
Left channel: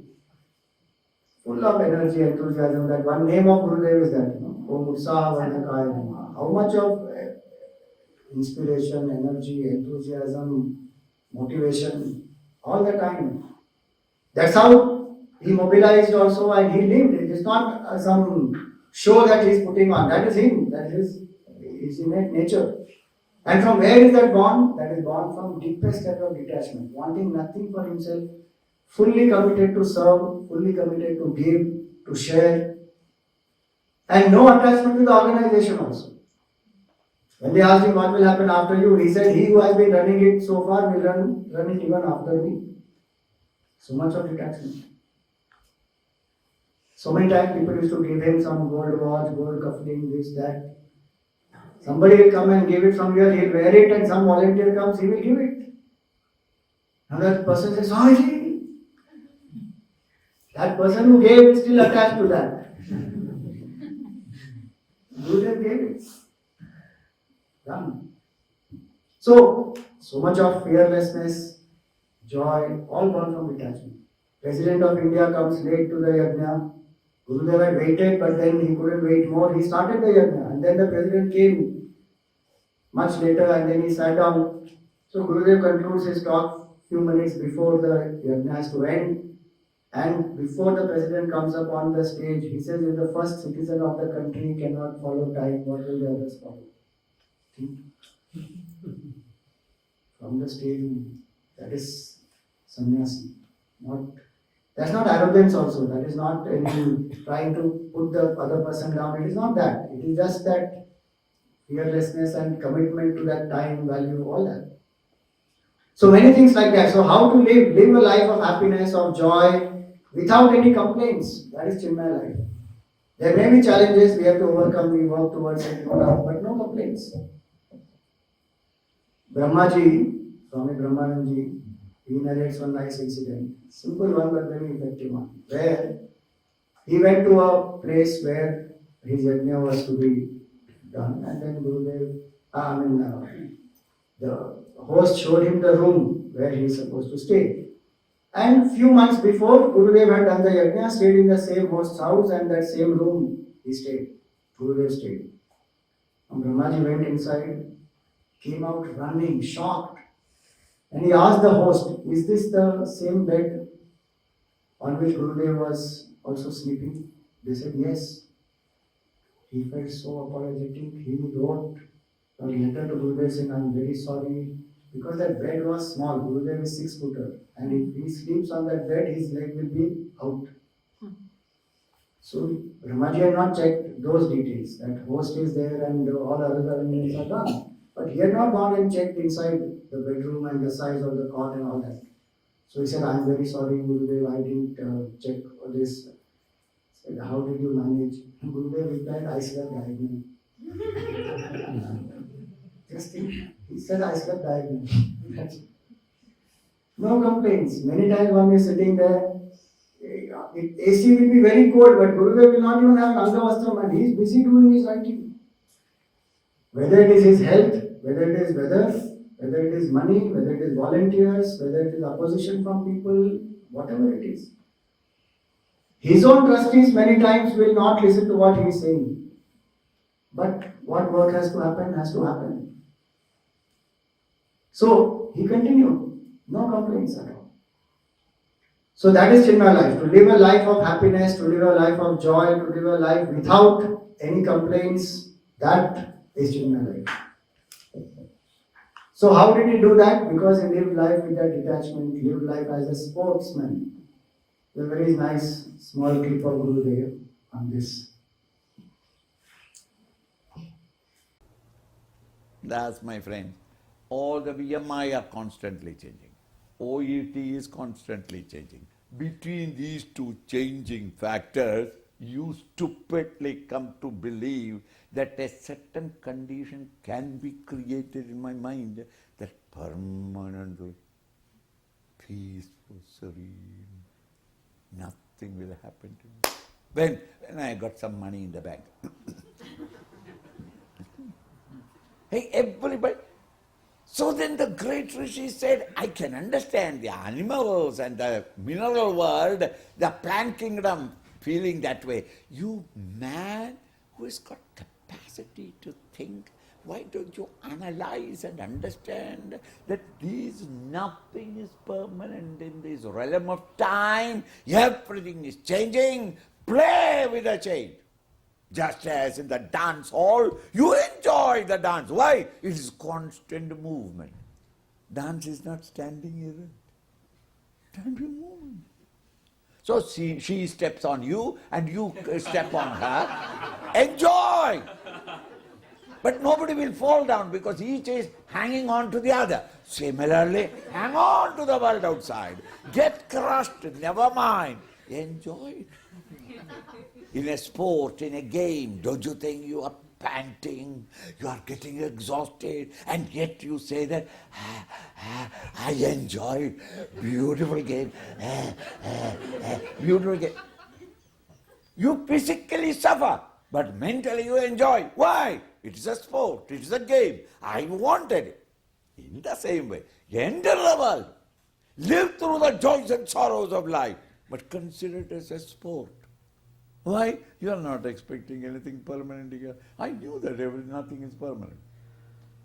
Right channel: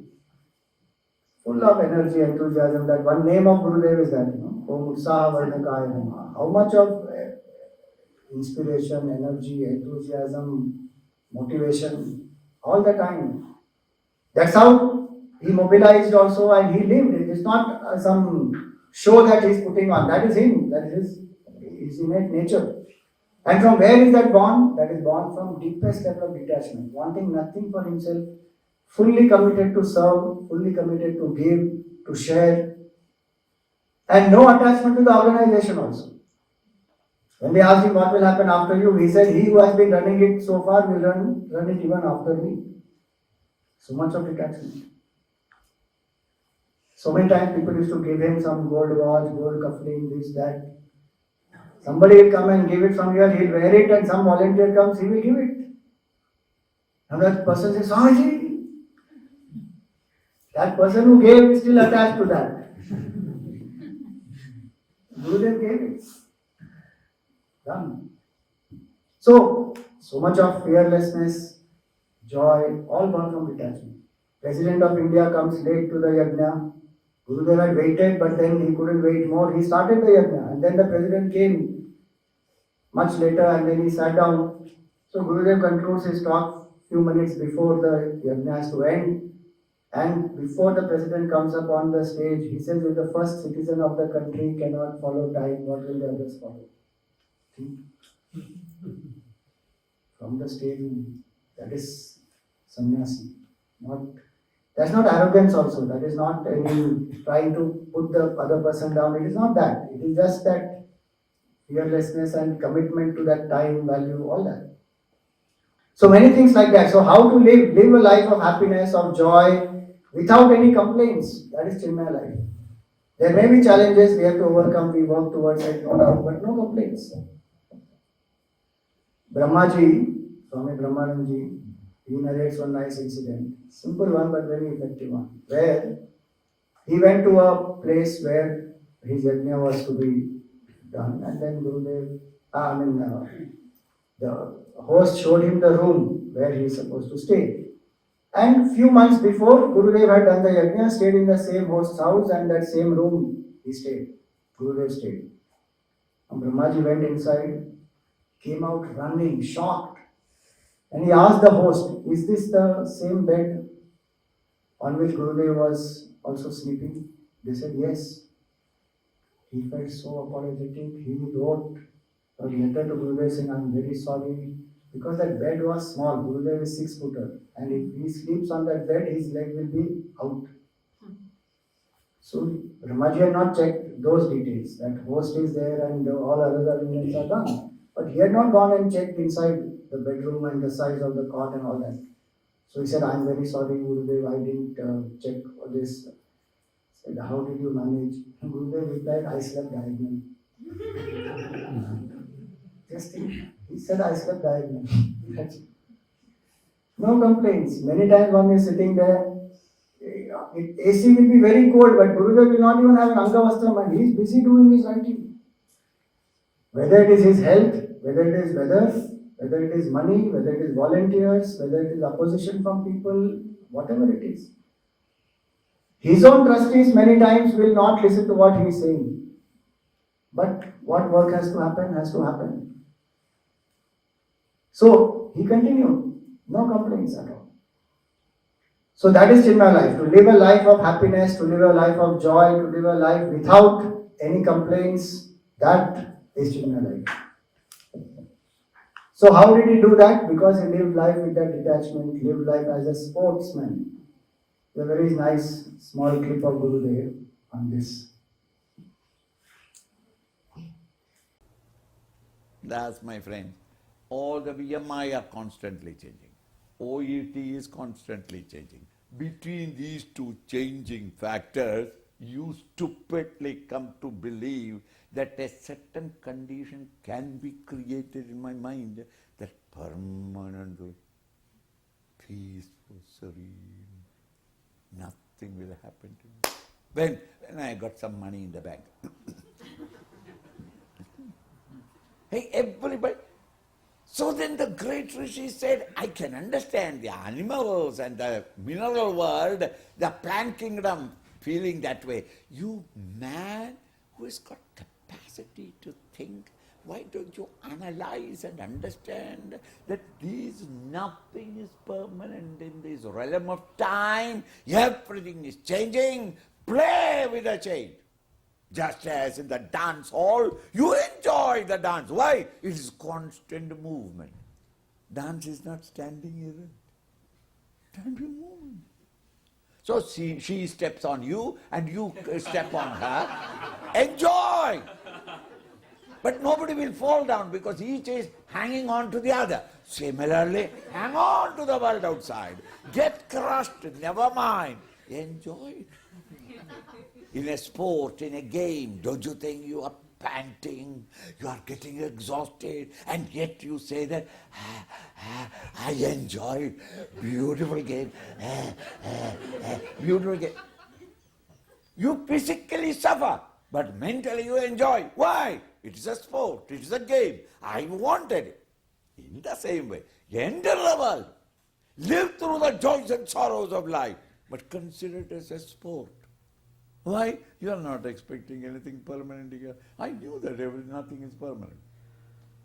full of energy, enthusiasm, that one name of Gurudev is that, Om Utsaha Vardhakaya Namaha. How much of inspiration, energy, enthusiasm, motivation, all the time. That's how he mobilized also and he lived. It is not some show that he is putting on. That is him. That is his innate nature. And from where is that born? That is born from deepest level of detachment, wanting nothing for himself, fully committed to serve, fully committed to give, to share, and no attachment to the organization also. When they asked him what will happen after you, he said, he who has been running it so far will run it even after me. So much of detachment. So many times people used to give him some gold watch, gold cuffling, this, that. Somebody will come and give it from here, he'll wear it, and some volunteer comes, he will give it. Now that person says, Swamiji, that person who gave is still attached to that. Gurudev gave it. Done. So much of fearlessness, joy, all gone from detachment. President of India comes late to the yajna. Gurudev had waited, but then he couldn't wait more. He started the yajna, and then the president came much later, and then he sat down. So Gurudev concludes his talk few minutes before the yajna has to end. And before the president comes up on the stage, he says, if the first citizen of the country cannot follow time, what will the others follow? From the stage, that is sannyasi. That's not arrogance also. That is not any trying to put the other person down. It is not that. It is just that fearlessness and commitment to that time, value, all that. So many things like that. So how to live a life of happiness, of joy, without any complaints. That is Chinmaya life. There may be challenges we have to overcome, we work towards it, no doubt, but no complaints. Brahmaji, Swami Brahmanandaji, he narrates one nice incident. Simple one but very effective one. Where he went to a place where his yajna was to be done, and then the host showed him the room where he is supposed to stay. And few months before, Gurudev had done the yajna, stayed in the same host's house, and that same room he stayed. Gurudev stayed. And Brahmaji went inside, came out running, shocked. And he asked the host, "Is this the same bed on which Gurudev was also sleeping?" They said, "Yes." He felt so apologetic. He wrote a letter to Gurudev saying, "I'm very sorry." Because that bed was small. Gurudev is 6-footer. And if he sleeps on that bed, his leg will be out. So Ramaji had not checked those details. That host is there and all other arrangements are done. But he had not gone and checked inside the bedroom and the size of the cot and all that. So he said, "I'm very sorry, Gurudev, I didn't check all this." Said, "How did you manage?" And Gurudev replied, "I slept diagonally." Just think, he said, "I slept diagonally." No complaints. Many times one is sitting there, AC will be very cold, but Gurudev will not even have an Angavastram and he is busy doing his writing. Whether it is his health, whether it is weather, whether it is money, whether it is volunteers, whether it is opposition from people, whatever it is. His own trustees many times will not listen to what he is saying. But what work has to happen, has to happen. So he continued, no complaints at all. So that is Chinmaya life, to live a life of happiness, to live a life of joy, to live a life without any complaints. That is Chinmaya life. So how did he do that? Because he lived life with that detachment, he lived life as a sportsman. A very nice small clip of Gurudev on this. That's my friend. All the BMI are constantly changing. OET is constantly changing. Between these two changing factors, you stupidly come to believe that a certain condition can be created in my mind that permanently peaceful, serene, nothing will happen to me. When I got some money in the bank. Hey, everybody. So then the great Rishi said, I can understand the animals and the mineral world, the plant kingdom feeling that way. You man who has got capacity to think, why don't you analyze and understand that nothing is permanent in this realm of time, everything is changing, play with the change. Just as in the dance hall, you enjoy the dance. Why? It is constant movement. Dance is not standing errant. Standing movement. So she steps on you and you step on her. Enjoy! But nobody will fall down because each is hanging on to the other. Similarly, hang on to the world outside. Get crushed, never mind. Enjoy it. In a sport, in a game, don't you think you are panting, you are getting exhausted, and yet you say that, I enjoy it. Beautiful game. Beautiful game. You physically suffer, but mentally you enjoy. Why? It is a sport, it is a game. I wanted it. In the same way, enter the world. Live through the joys and sorrows of life, but consider it as a sport. Why? You are not expecting anything permanent here. I knew that nothing is permanent.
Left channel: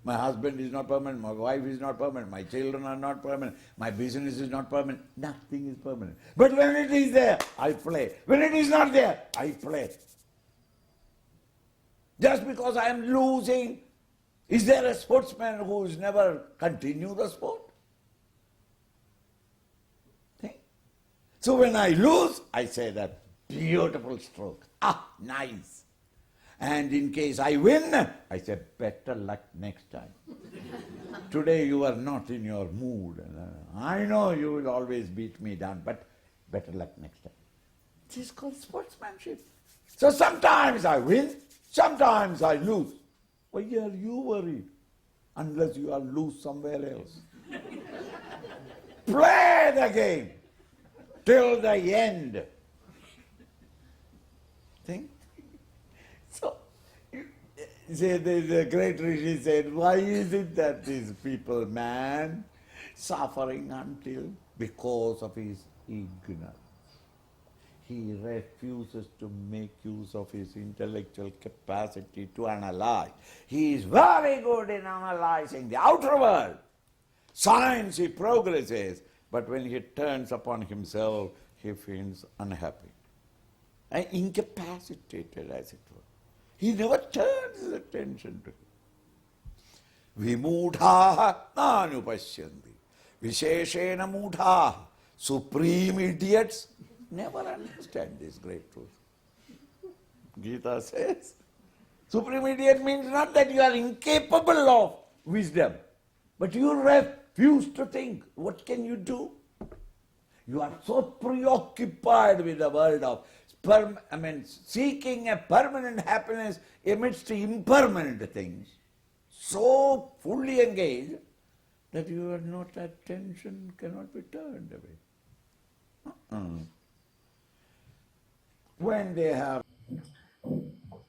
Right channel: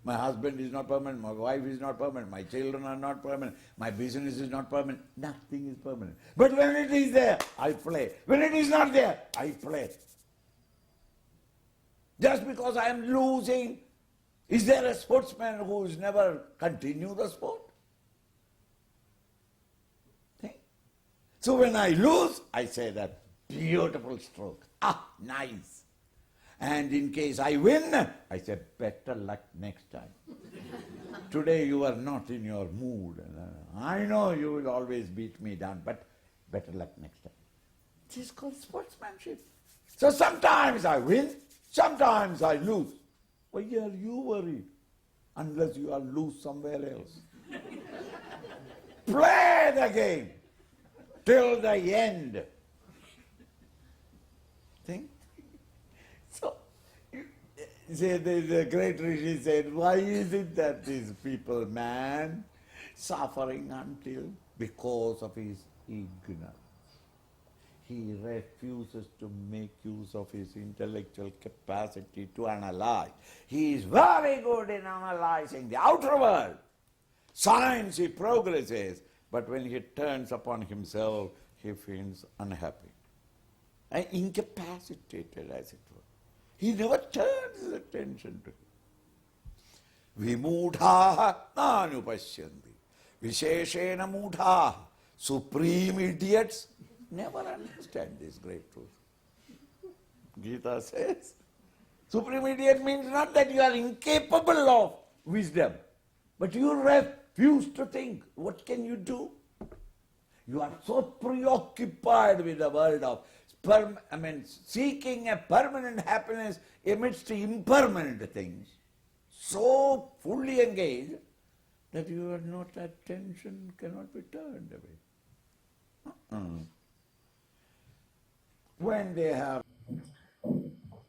My husband is not permanent, my wife is not permanent, my children are not permanent, my business is not permanent. Nothing is permanent. But when it is there, I play. When it is not there, I play. Just because I am losing, is there a sportsman who has never continued the sport? Okay? So when I lose, I say that. Beautiful stroke. Ah, nice. And in case I win, I say, better luck next time. Today you are not in your mood. I know you will always beat me down, but better luck next time. This is called sportsmanship. So sometimes I win, sometimes I lose. Why are you worried? Unless you are lose somewhere else. Play the game till the end. Think? So, the great Rishi said, why is it that these people, man, suffering until because of his ignorance? He refuses to make use of his intellectual capacity to analyze. He is very good in analyzing the outer world. Science he progresses, but when he turns upon himself, he feels unhappy and incapacitated, as it were. He never turns his attention to it. Vimudhaha nanupashyanti. Visheshena mudhaha. Supreme idiots never understand this great truth. Gita says, supreme idiot means not that you are incapable of wisdom, but you refuse to think. What can you do? You are so preoccupied with the world of seeking a permanent happiness amidst impermanent things, so fully engaged that your not attention cannot be turned away. When they have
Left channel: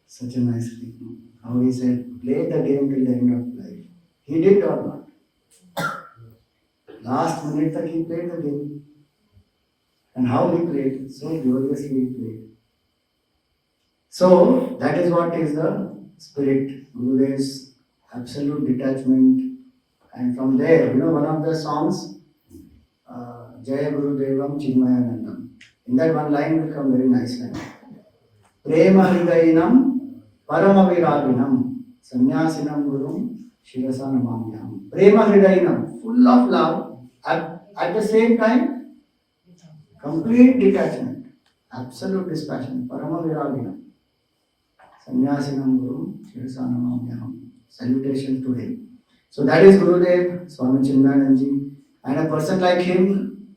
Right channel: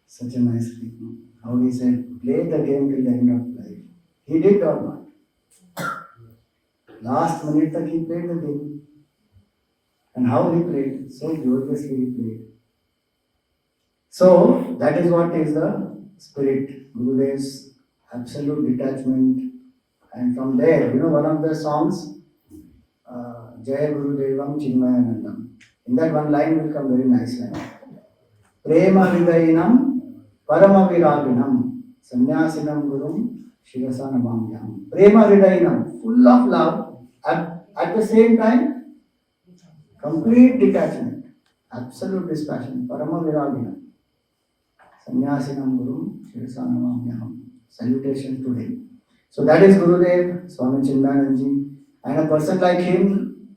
Such a nice statement. How he said, play the game till the end of life. He did or not? Last minute that he played the game. And how he played, so gloriously he played. So that is what is the spirit, Gurudev's absolute detachment. And from there, one of the songs, Jaya Gurudevam Chinmayananda. In that one line will come very nice line. Prema Hridayanam Paramaviraginam Sannyasinam Gurum Shivasanamamyam. Prema Hridayanam, full of love, at the same time, complete detachment, absolute dispassion, Paramaviraginam. Sannyasinam Gurum Shivasanamamyam. Salutations to him. So that is Gurudev, Swami Chinmayananda. And a person like him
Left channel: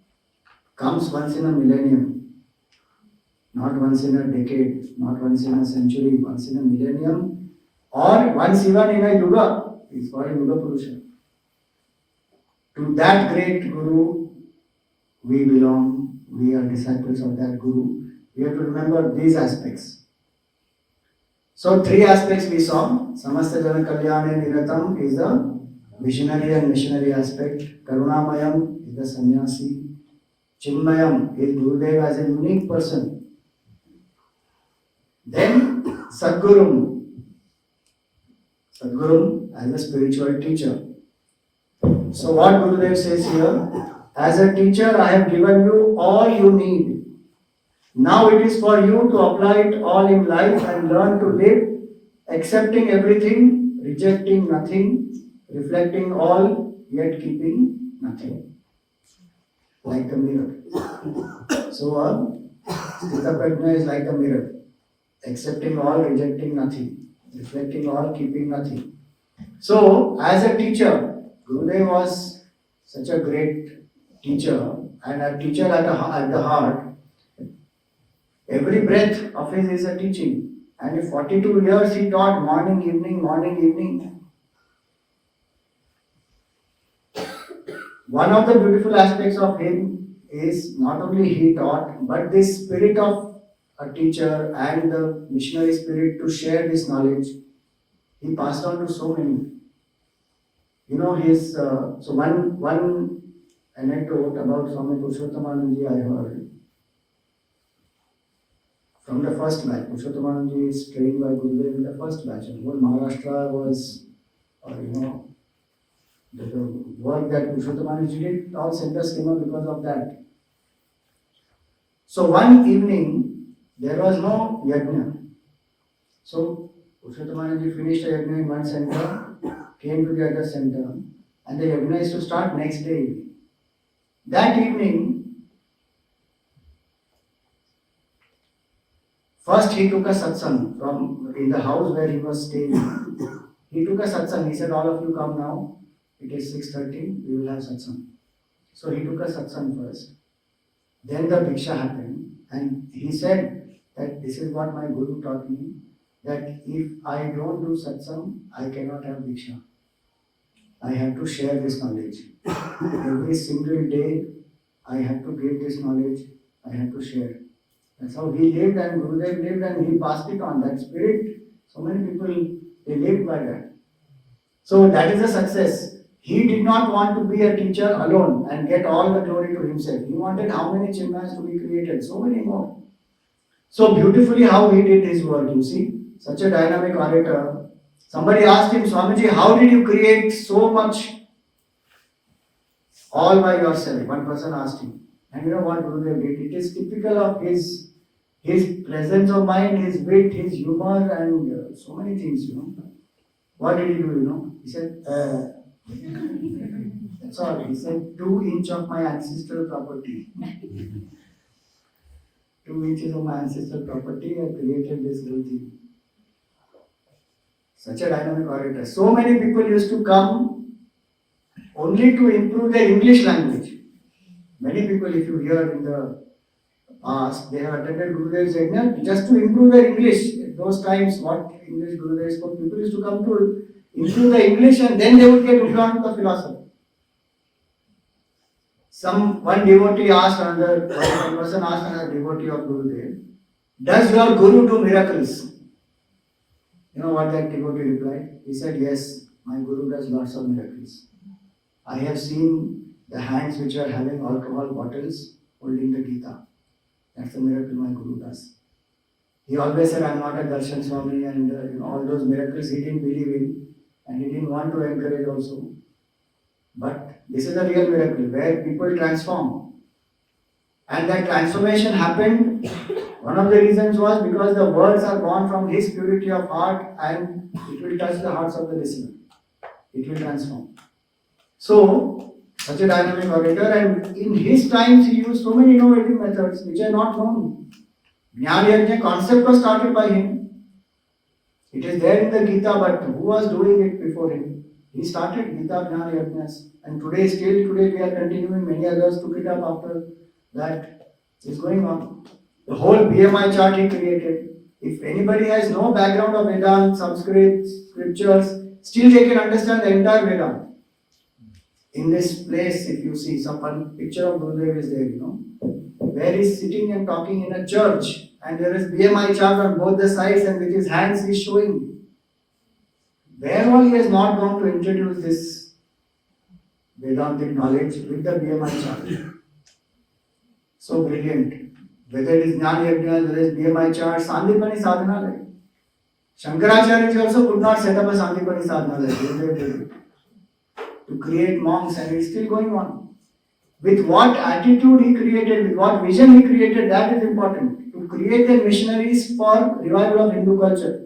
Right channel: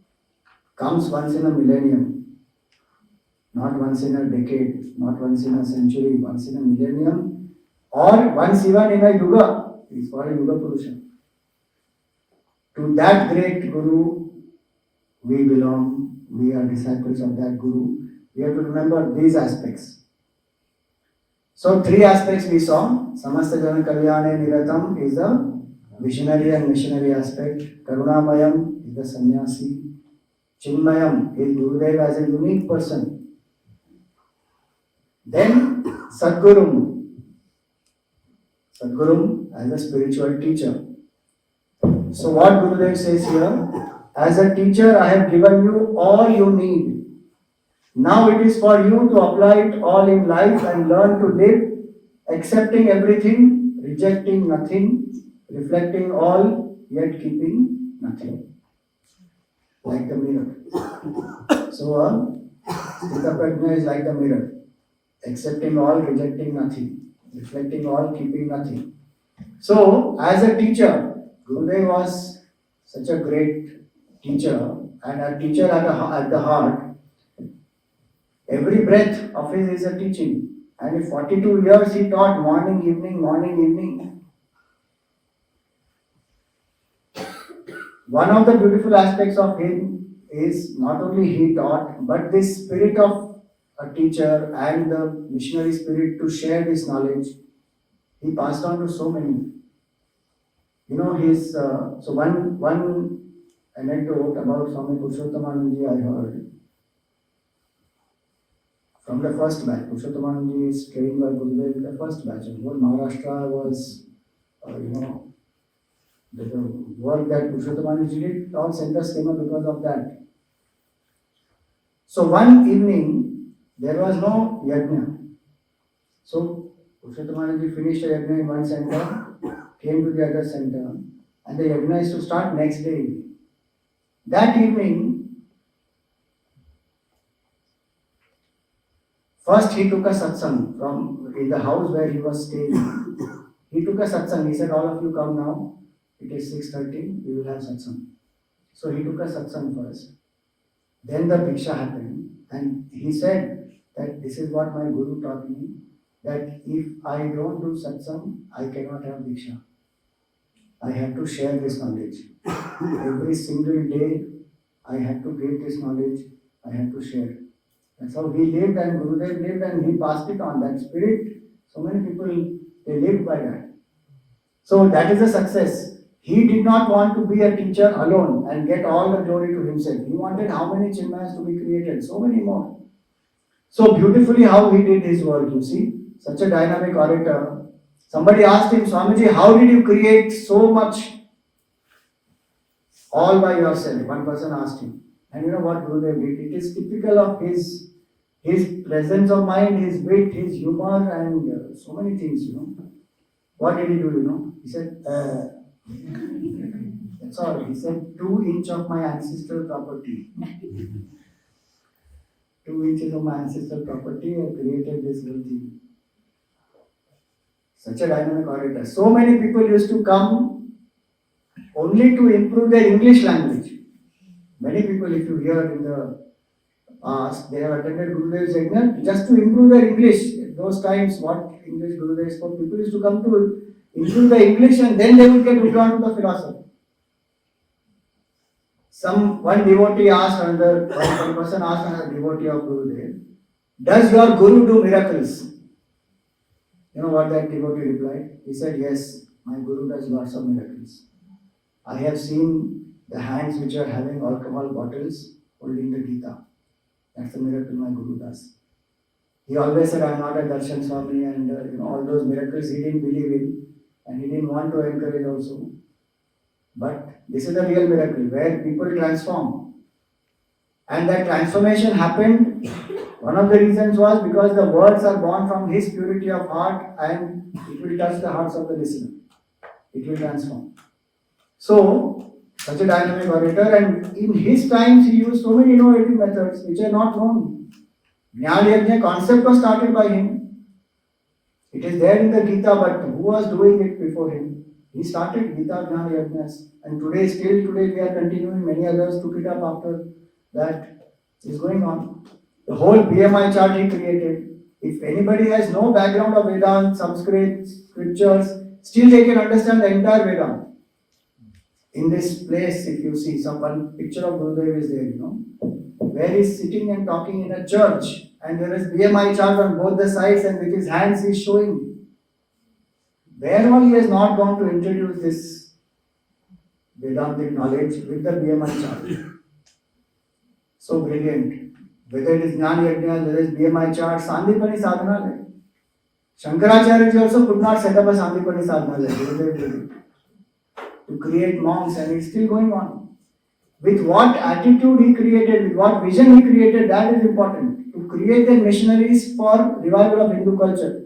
comes once in a millennium, not once in a decade, not once in a century, once in a millennium, or once even in a yuga. He is called Yuga Purusha. To that great Guru we belong, we are disciples of that Guru. We have to remember these aspects. So 3 aspects we saw. Samasta Jana Kalyane Niratam is the visionary and missionary aspect. Karunamayam is the sannyasi. Chinmayam is Gurudev as a unique person. Then Sadgurum as a spiritual teacher. So what Gurudev says here, as a teacher I have given you all you need. Now it is for you to apply it all in life and learn to live, accepting everything, rejecting nothing, reflecting all, yet keeping nothing. Like a mirror. So Sthita Prajna is like a mirror. Accepting all, rejecting nothing. Reflecting all, keeping nothing. So, as a teacher, Gurudev was such a great teacher, and a teacher at the heart. Every breath of his is a teaching. And in 42 years he taught morning, evening, morning, evening. One of the beautiful aspects of him is not only he taught, but this spirit of a teacher and the missionary spirit to share this knowledge, he passed on to so many. So one anecdote about Swami Purushottamanaji I heard. From the first batch, Purushottamanaji is trained by Gurudev in the first batch. And whole Maharashtra was, the work that Purushottamanaji did, all centers came up because of that. So one evening, there was no yajna. So Purushottamanaji finished a yajna in one center, came to the other center, and the yajna is to start next day. That evening, first he took a satsang from in the house where he was staying. He took a satsang. He said, all of you come now. it is 6:30, we will have satsang. So he took a satsang first. Then the Diksha happened, and he said that this is what my Guru taught me, that if I don't do satsang, I cannot have Diksha. I have to share this knowledge. Every single day, I have to give this knowledge, I have to share. That's how he lived and Gurudev lived and he passed it on. That spirit, so many people, they lived by that. So that is a success. He did not want to be a teacher alone and get all the glory to himself. He wanted how many Chinmayas to be created? So many more. So beautifully how he did his work, you see. Such a dynamic orator. Somebody asked him, Swamiji, how did you create so much all by yourself? One person asked him. And you know what Gurudev did? It is typical of his presence of mind, his wit, his humor, and so many things, you know. What did he do, you know? He said, that's all. He said, 2 inches of my ancestral property. 2 inches of my ancestral property, I created this whole thing. Such a dynamic orator. So many people used to come only to improve their English language. Many people, if you hear in the past, they have attended Gurudev's yajna just to improve their English. At those times, what English Gurudev spoke, people used to come to improve their English and then they would get hooked on to the philosophy. One devotee asked another, one person asked another devotee of Gurudev, does your Guru do miracles? You know what that devotee replied? He said, yes, my Guru does lots of miracles. I have seen the hands which are having alcohol bottles holding the Gita. That's the miracle my Guru does. He always said, I'm not a Darshan Swami, and all those miracles he didn't believe in and he didn't want to encourage also. But this is a real miracle where people transform. And that transformation happened. One of the reasons was because the words are born from his purity of heart and it will touch the hearts of the listener. It will transform. So, such a dynamic orator, and in his times he used so many innovative methods which are not known. Jnana Yajna concept was started by him. It is there in the Gita, but who was doing it before him? He started Gita Jnana Yajnas, and today we are continuing. Many others took it up after that. Is going on. The whole BMI chart he created. If anybody has no background of Vedanta, Sanskrit, scriptures, still they can understand the entire Vedanta. In this place, if you see one picture of Gurudev is there, where he's sitting and talking in a church, and there is BMI chart on both the sides, and with his hands he's showing. Where all he has not gone to introduce this Vedantic knowledge with the BMI chart. So brilliant. Whether it is Jnana Yajna, whether it is BMI chart, Sandipani Sadhanalaya. Shankaracharya also could not set up a Sandipani Sadhanalaya. To create monks, and it's still going on. With what attitude he created, with what vision he created, that is important. To create the missionaries for revival of Hindu culture.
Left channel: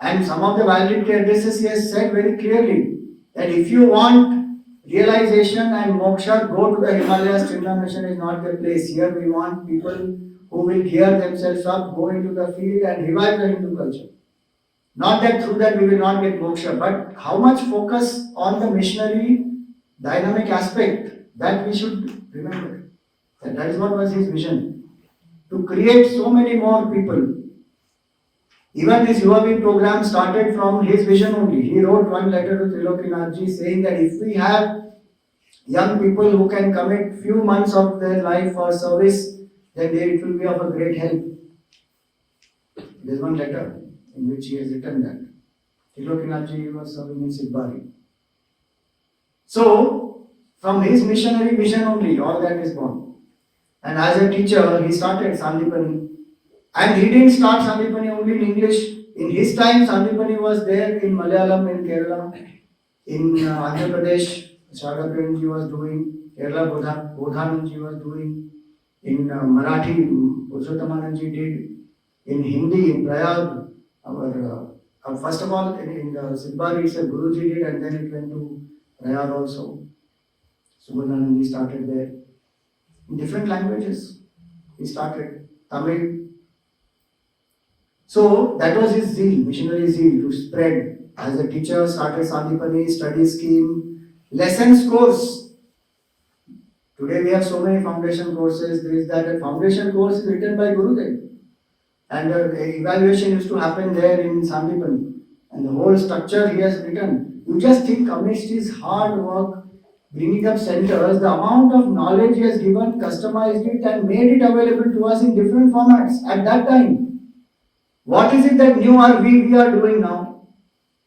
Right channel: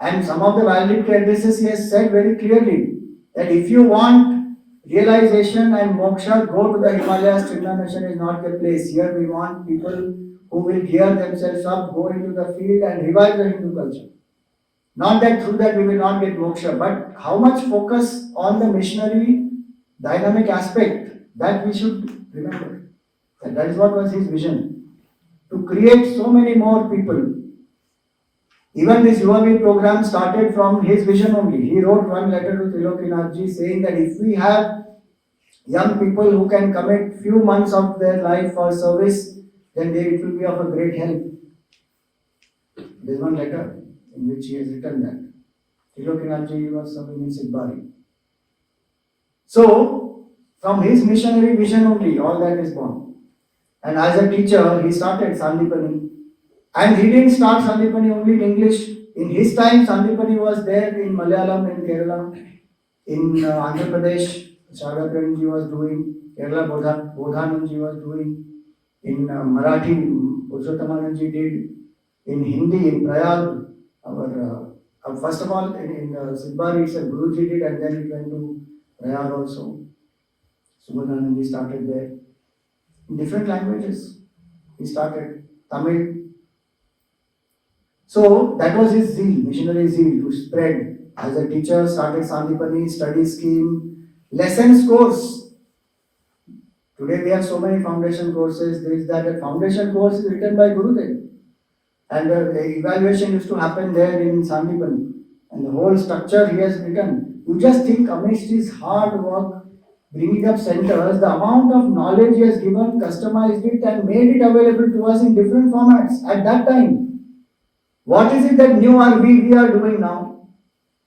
And some of the valedictory addresses he has said very clearly that if you want realization and moksha, go to the Himalayas. Chimna mission is not the place. Here we want people who will gear themselves up, go into the field and revive the Hindu culture. Not that through that we will not get moksha, but how much focus on the missionary dynamic aspect, that we should remember. That is what was his vision. To create so many more people. Even this UAV program started from his vision only. He wrote one letter to Trilokinathji saying that if we have young people who can commit few months of their life for service, then it will be of a great help. There is one letter in which he has written that. Trilokinathji was serving in Sidbari. So, from his missionary vision only, all that is born. And as a teacher, he started Sandipani. And he didn't start Sandipani only in English. In his time, Sandipani was there in Malayalam, in Kerala, in Andhra Pradesh, Chadakanji was doing, Kerala Bodhananji was doing, in Marathi, Purushothamananji did, in Hindi, in Prayag, first of all, in Sidbari, Guruji did, and then it went to Prayag also. Subodhananji started there. In different languages, he started Tamil. So that was his zeal, missionary zeal, to spread. As a teacher, started Sandipani study scheme, Lessons course. Today we have so many foundation courses. There is that a foundation course is written by Gurudev. And the evaluation used to happen there in Sandipani. And the whole structure he has written. You just think amidst his hard work, bringing up centers, the amount of knowledge he has given, customized it and made it available to us in different formats at that time. What is it that new we are doing now?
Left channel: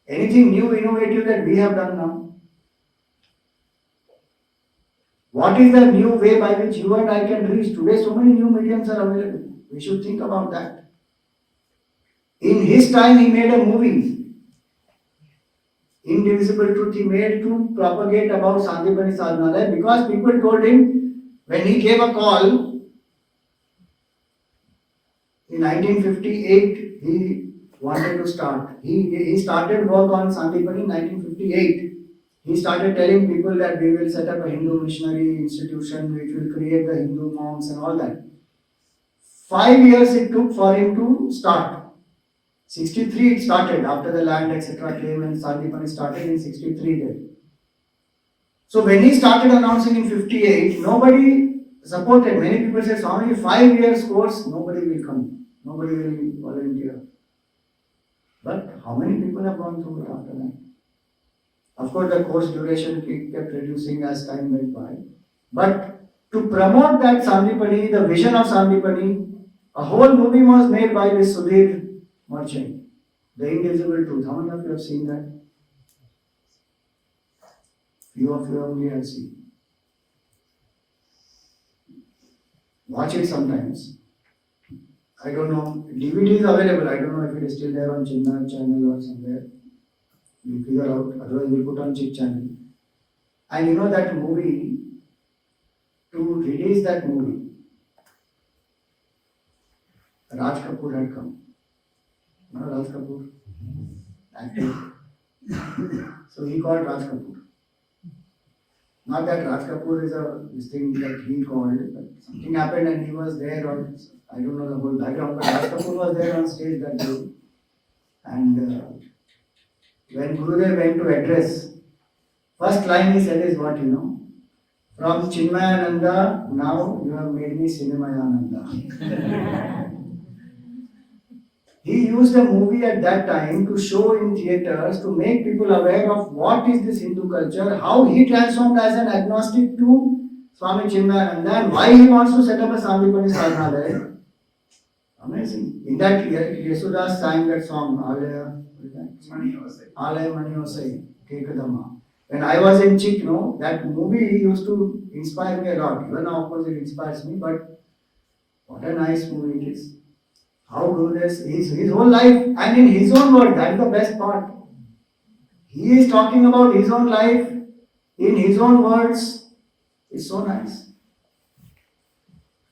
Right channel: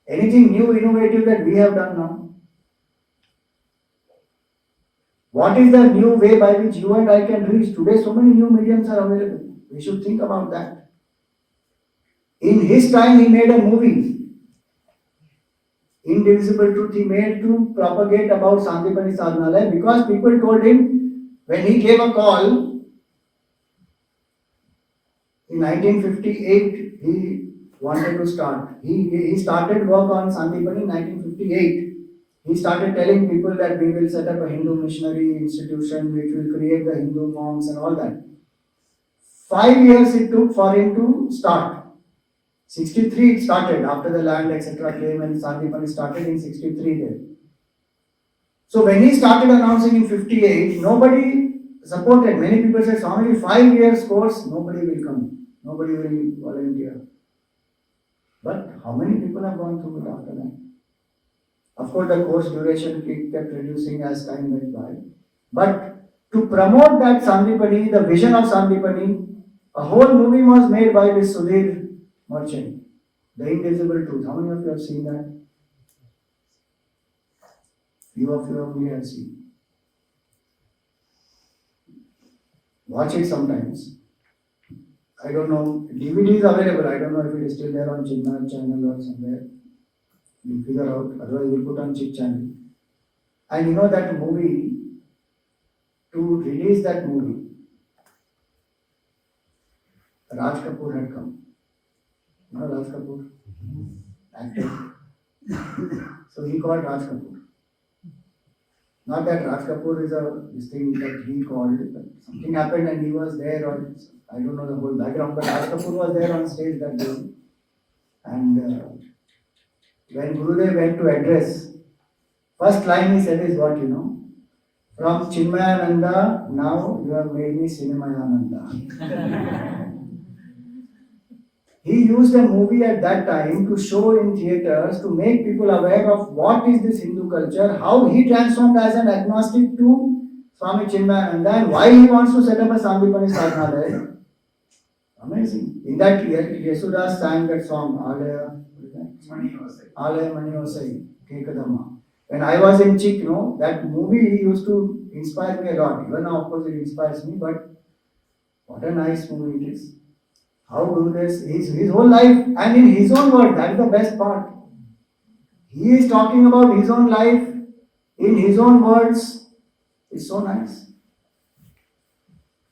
Anything new, innovative that we have done now? What is the new way by which you and I can reach? Today so many new mediums are available. We should think about that. In his time he made a movie, Indivisible Truth, he made to propagate about Sandipani Sadhana Life because people told him when he gave a call in 1958, he wanted to start. He started work on Sandipani in 1958. He started telling people that we will set up a Hindu missionary institution which will create the Hindu monks and all that. 5 years it took for him to start. 63 it started after the land etc. came and Sandipani started in 63 there. So when he started announcing in 58, nobody supported. Many people said, Swami, 5 years course, nobody will come. Nobody will volunteer. But how many people have gone through it after that? Of course, the course duration kept reducing as time went by. But to promote that Sandipani, the vision of Sandipani, a whole movie was made by this Sudhir Merchant, The Indivisible Truth. How many of you have seen that? Few of you only have seen. Watch it sometimes. I don't know. DVD is available. I don't know if it is still there on Chinmaya channel or somewhere. We'll figure out. Otherwise, we'll put on Chick channel. And you know that movie, to release that movie, Raj Kapoor had come. You know Raj Kapoor? Actor. So he called Raj Kapoor. Not that Raj Kapoor is this thing that he called, but something happened and he was there on, I don't know the whole background, but Raj Kapoor was there on stage that day. And when Gurudev went to address, first line he said is what you know. From Chinmayananda, now you have made me Chinmayananda. He used a movie at that time to show in theatres to make people aware of what is this Hindu culture, how he transformed as an agnostic to Swami Chinmayananda and why he wants to set up a Sandipani Sadhana there. Amazing. In that year, Yesudas sang that song, Alaya Mani Osai, Kekadama. When I was in Chick, that movie used to inspire me a lot. Even now, of course, it inspires me, but what a nice movie it is. How Gurudev, his whole life, and in his own word, that is the best part. He is talking about his own life, in his own words. It's so nice.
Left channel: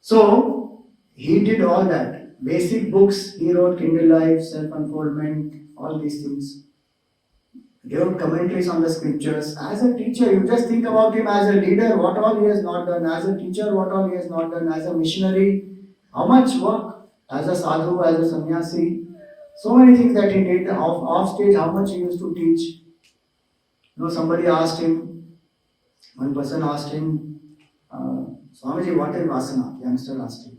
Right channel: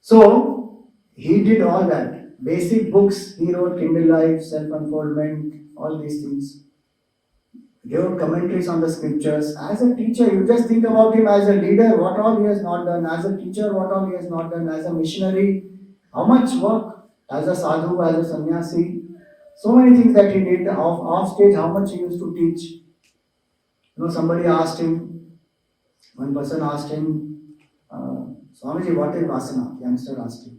So, he did all that. Basic books, he wrote Kindle Life, Self-Unfoldment, all these things. He wrote commentaries on the scriptures. As a teacher, you just think about him as a leader, what all he has not done. As a teacher, what all he has not done. As a missionary, how much work. As a sadhu, as a sannyasi, so many things that he did off stage, how much he used to teach. Somebody asked him, one person asked him, Swamiji, what is vasana? The youngster asked him.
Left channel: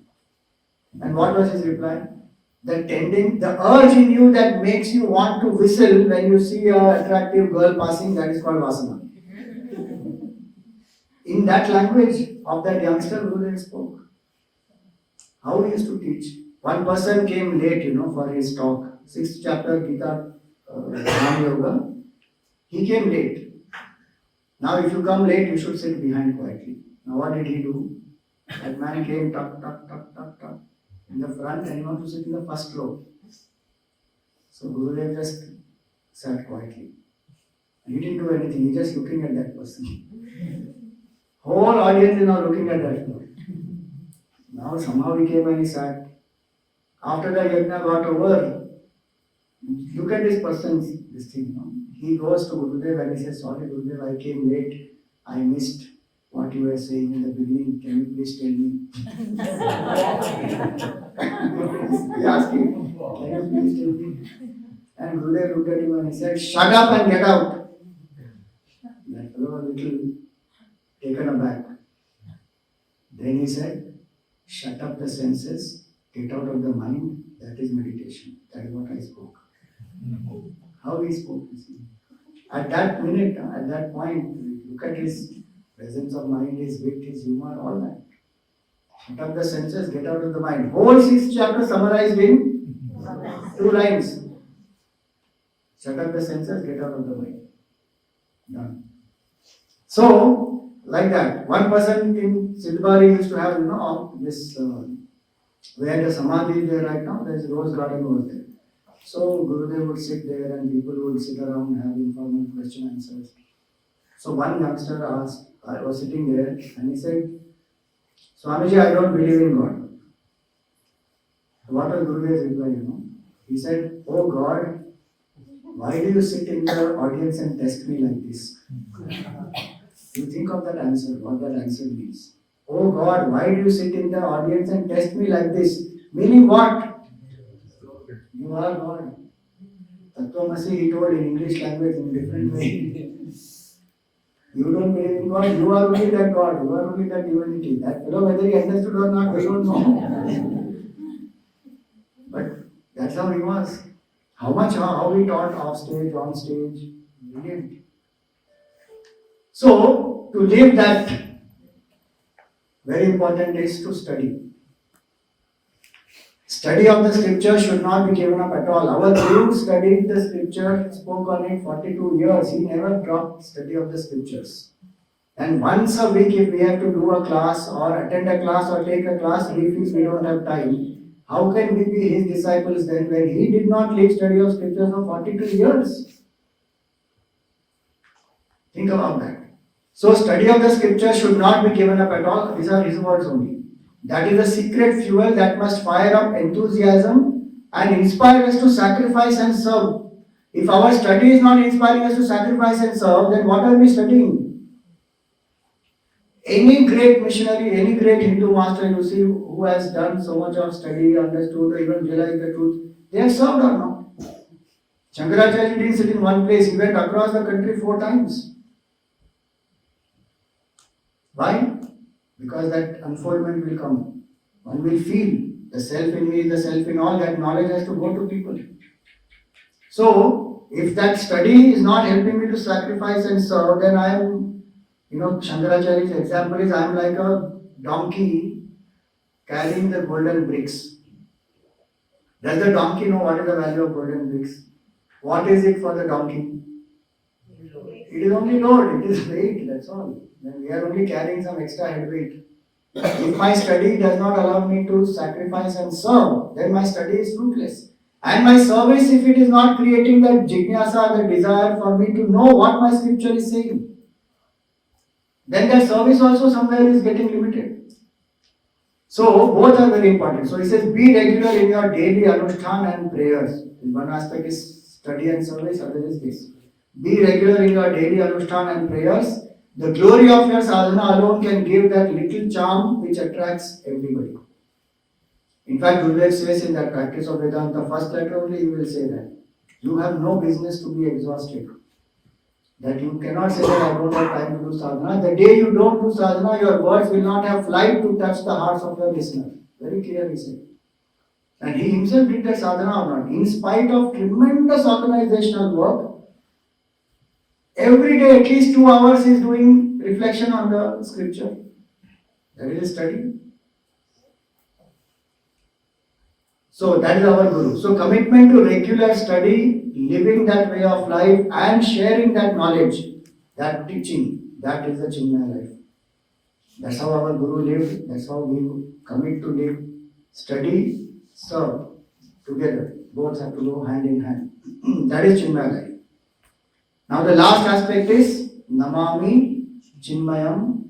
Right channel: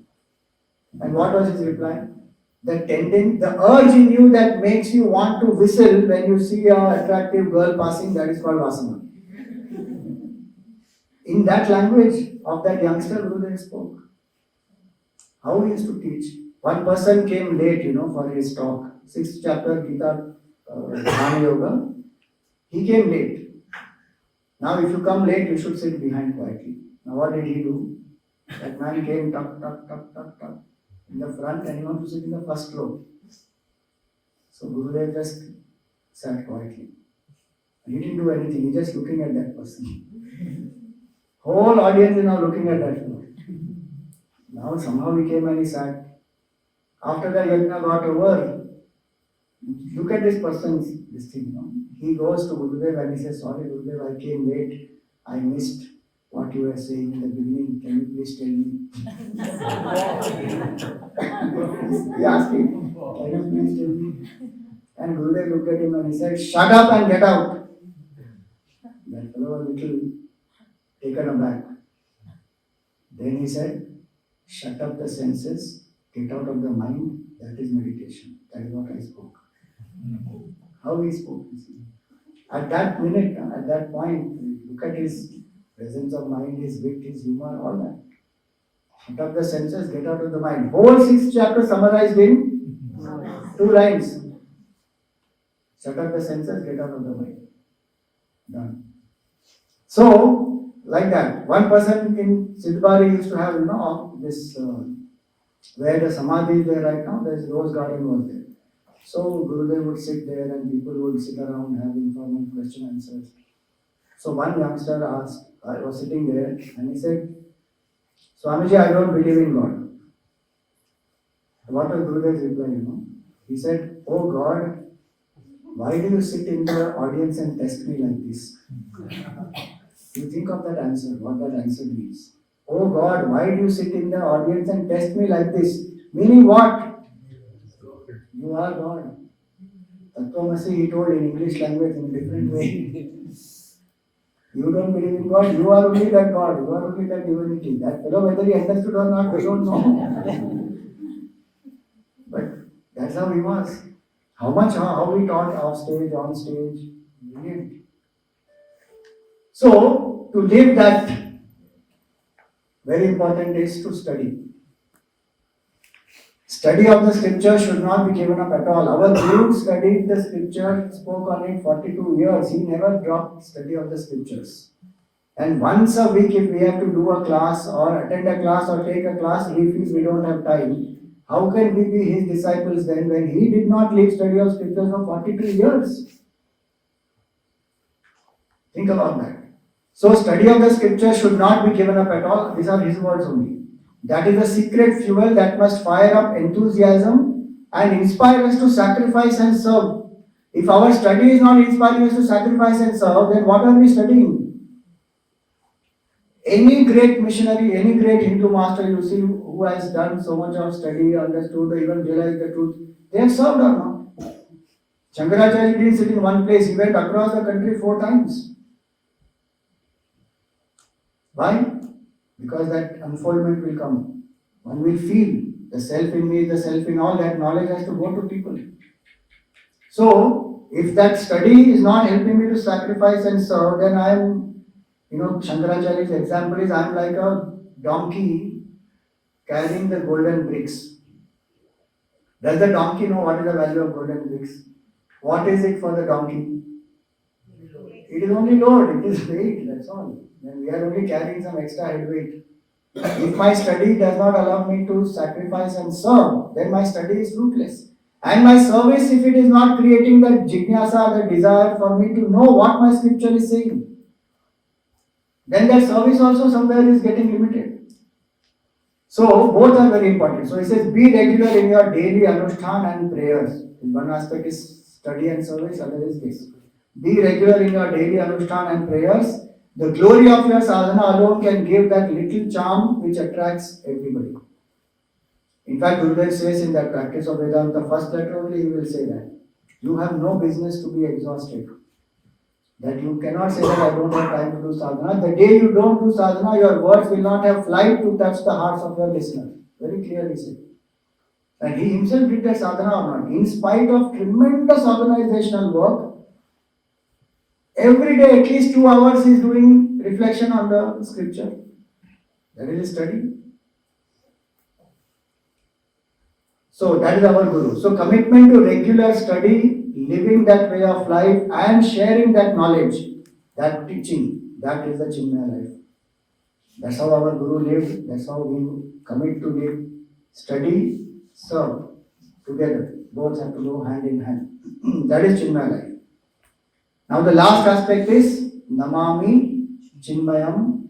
And what was his reply? The urge in you that makes you want to whistle when you see an attractive girl passing, that is called vasana. In that language of that youngster, Gurudev spoke. How he used to teach. One person came late, for his talk. 6th chapter, Gita, Yoga. He came late. Now, if you come late, you should sit behind quietly. Now, what did he do? That man came, tuck, in the front, and he wanted to sit in the first row. So, Gurudev just sat quietly. And he didn't do anything, he just looking at that person. Whole audience is now looking at that fellow. Now, somehow he came and he sat. After the yajna got over, look at this person's this thing. He goes to Gurudev and he says, sorry Gurudev, I came late. I missed what you were saying in the beginning. Can you please tell me? He asked him, can you please tell me? And Gurudev looked at him and he said, shut up and get out. That they were a little taken aback. Then he said, shut up the senses, get out of the mind, that is meditation. That is what I spoke. How he spoke, you see. At that minute, at that point, look at his presence of mind, his wit, his humor, all that. Shut up the senses, get out of the mind. Whole 6th chapter summarized in 2 lines. Shut up the senses, get out of the mind. Done. So, like that. One person in Siddhbari used to have, this, where the Samadhi is there right now, there's rose garden was there. So, Gurudev would sit there and people would sit around having informal question answers. So, one youngster asked, I was sitting there and he said, Swamiji, I don't believe in God. What was Gurudev's reply, He said, oh God, why do you sit in the audience and test me like this? You think of that answer, what that answer means. Oh God, why do you sit in the audience and test me like this? Meaning what? You are God. Tattvamasi he told in English language in different way. You don't believe in God, you are only that God, you are only that divinity. That fellow, whether he understood or not, we don't know. But that's how he was. How he taught off stage, on stage, brilliant. So, to live that, very important is to study. Study of the scripture should not be given up at all. Our Guru studied the scripture, spoke on it 42 years. He never dropped study of the scriptures. And once a week, if we have to do a class or attend a class or take a class, he feels we don't have time. How can we be his disciples then when he did not leave study of scripture for 42 years? Think about that. So study of the scripture should not be given up at all. These are his words only. That is the secret fuel that must fire up enthusiasm and inspire us to sacrifice and serve. If our study is not inspiring us to sacrifice and serve, then what are we studying? Any great missionary, any great Hindu master you see who has done so much of study, understood, or even realized the truth, they have served or not? Shankaracharya didn't sit in one place, he went across the country 4 times. Why? Because that unfoldment will come. One will feel the self in me, the self in all, that knowledge has to go to people. So, if that study is not helping me to sacrifice and serve, then I am, Shankaracharya's example is I am like a donkey carrying the golden bricks. Does the donkey know what is the value of golden bricks? What is it for the donkey? It is only load, it is weight, that's all. Then we are only carrying some extra head weight. If my study does not allow me to sacrifice and serve, then my study is fruitless. And my service, if it is not creating that jnana, the desire for me to know what my scripture is saying, then that service also somewhere is getting limited. So both are very important. So he says, be regular in your daily anushthan and prayers. One aspect is study and service, other is this. Be regular in your daily anushthan and prayers. The glory of your sadhana alone can give that little charm which attracts everybody. In fact, Gurudev says in that practice of Vedanta, first letter only he will say that. You have no business to be exhausted. That you cannot say that I don't have time to do sadhana. The day you don't do sadhana, your words will not have flight to touch the hearts of your listeners. Very clearly said. And he himself did that sadhana or not. In spite of tremendous organizational work, every day at least 2 hours he is doing reflection on the scripture. That is a study. So that is our Guru. So commitment to regular study, living that way of life and sharing that knowledge, that teaching, that is the Chinmaya life. That's how our Guru lived, that's how we commit to live. Study, serve, together. Both have to go hand in hand. That is Chinmaya life. Now the last aspect is Namami Chinmayam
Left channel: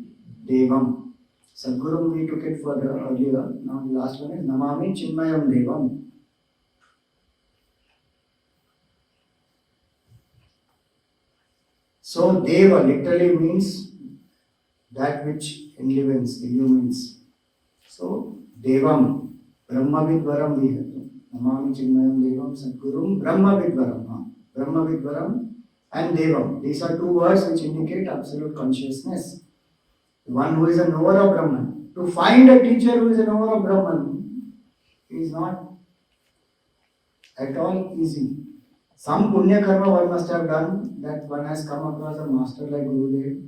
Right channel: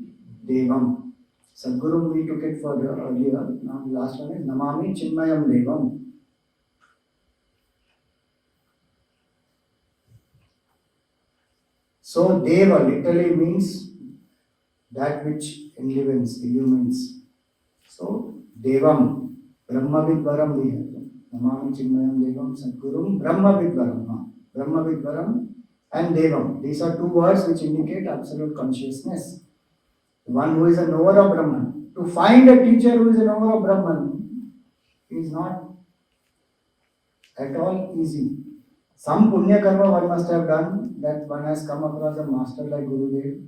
Devam. Sadguru, we took it for earlier. Now the last one is Namami Chinmayam Devam. So Deva literally means that which enlivens, illumines. So Devam, Brahma Vidvaram we have. Namami Chinmayam Devam Sadgurum Brahma Vidvaram. Brahma Vidvaram and Devam. These are two words which indicate absolute consciousness. The one who is a knower of Brahman. To find a teacher who is a knower of Brahman is not at all easy. Some punya karma one must have done, that one has come across a master like Gurudev.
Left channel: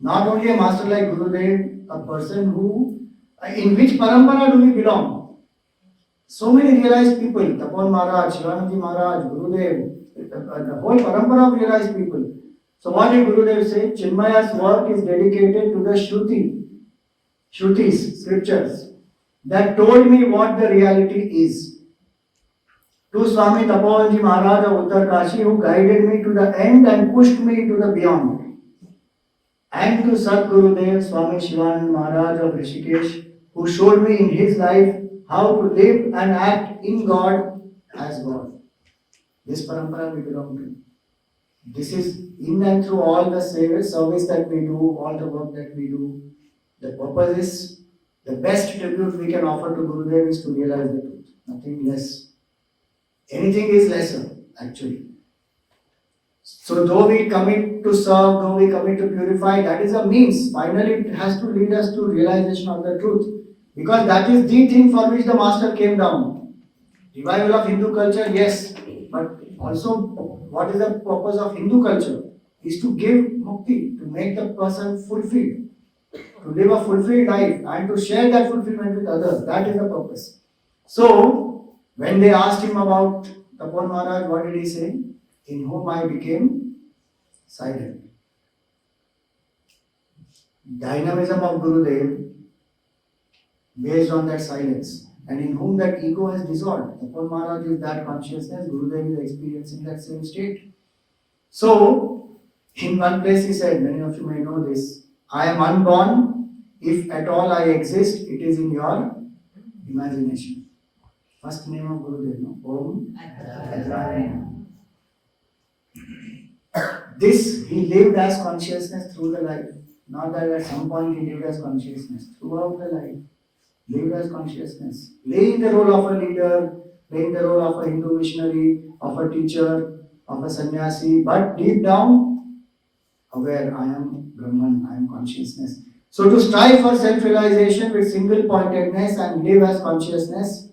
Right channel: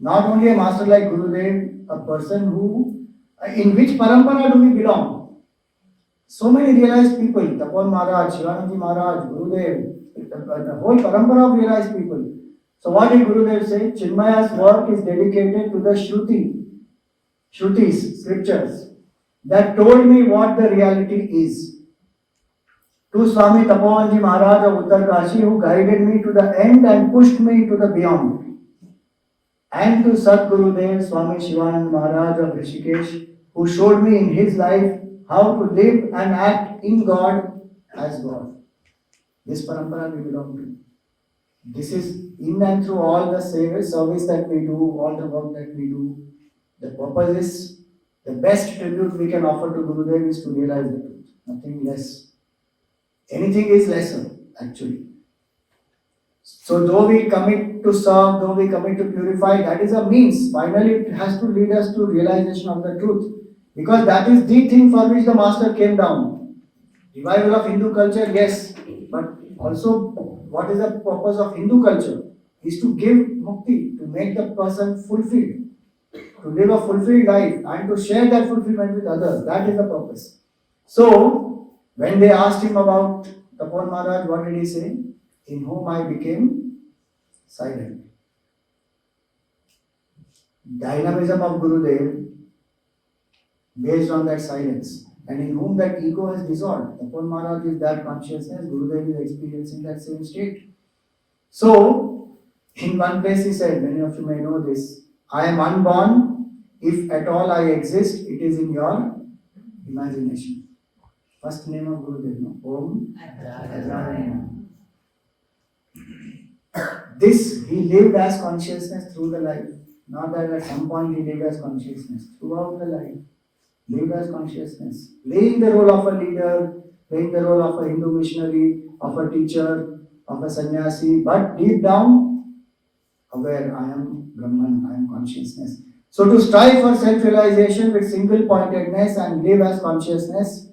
Not only a master like Gurudev, a person who, in which parampara do we belong? So many realized people, Tapon Maharaj, Shivanji Maharaj, Gurudev, the whole parampara of realized people. So what did Gurudev say? Chinmaya's work is dedicated to the Shrutis, scriptures, that told me what the reality is. To Swami Tapovanji Maharaj of Uttarkashi, who guided me to the end and pushed me to the beyond. And to Sadgurudev Swami Shivananda Maharaj of Rishikesh, who showed me in his life how to live and act in God as God. This parampara we belong to. This is in and through all the service that we do, all the work that we do. The purpose is, the best tribute we can offer to Gurudev is to realize the truth, nothing less. Anything is lesser, actually. So though we commit to serve, though we commit to purify, that is a means. Finally, it has to lead us to realization of the truth. Because that is the thing for which the Master came down. Revival of Hindu culture, yes. But also, what is the purpose of Hindu culture? Is to give mukti, to make the person fulfilled, to live a fulfilled life and to share that fulfillment with others. That is the purpose. So, when they asked him about Tapon Maharaj, what did he say? In whom I became silent. Dynamism of Gurudev based on that silence, and in whom that ego has dissolved. Tapon Maharaj is that consciousness, Gurudev is experiencing that same state. So, in one place he said, many of you may know this, I am unborn, if at all I exist, it is in your imagination. First name of Gurudev, no? Om Adraya. This he lived as consciousness through the life. Not that at some point he lived as consciousness. Throughout the life, lived as consciousness. Playing the role of a leader, playing the role of a Hindu missionary, of a teacher, of a sannyasi, but deep down, aware, I am Brahman, I am consciousness. So to strive for self-realization with single-pointedness and live as consciousness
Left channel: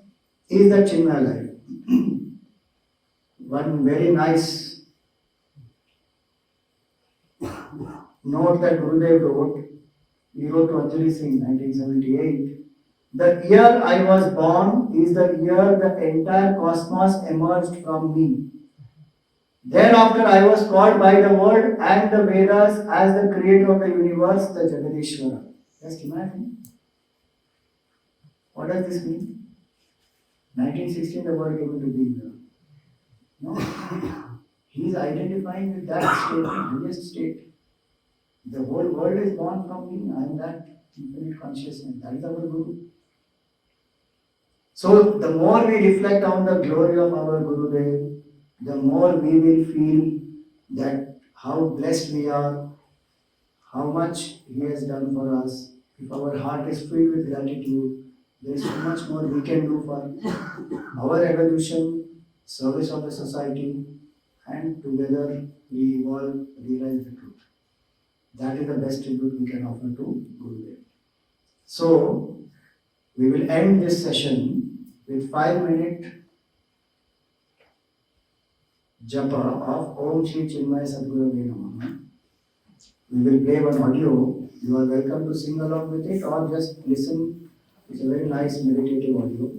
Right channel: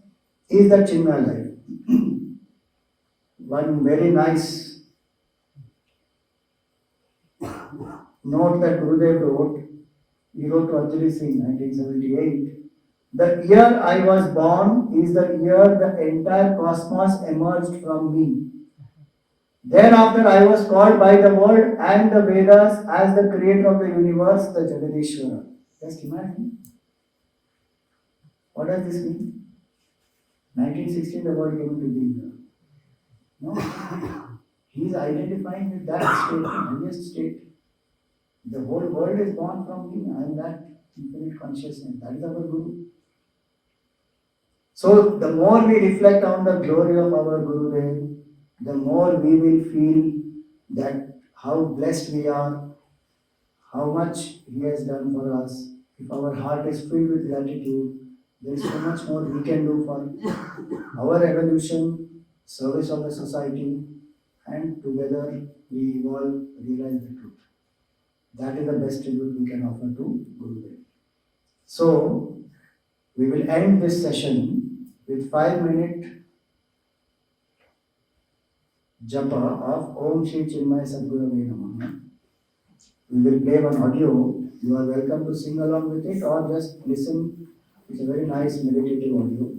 is the Chinmaya life. One very nice note that Gurudev wrote, he wrote to Anjali Singh, 1978. The year I was born is the year the entire cosmos emerged from me. Thereafter I was called by the word and the Vedas as the creator of the universe, the Jagadishwara. Just imagine. What does this mean? 1916 the world came into being. No? He is identifying with that state, highest state. The whole world is born from me. I am that infinite consciousness. That is our Guru. So the more we reflect on the glory of our Gurudev, the more we will feel that how blessed we are, how much he has done for us. If our heart is filled with gratitude, there is so much more we can do for our evolution, service of the society, and together we evolve, realize the truth. That is the best tribute we can offer to Gurudev. So, we will end this session with 5-minute japa of Om Shri Chinmaya Sadgurave Namaha. We will play one audio. You are welcome to sing along with it or just listen. It's a very nice meditative audio.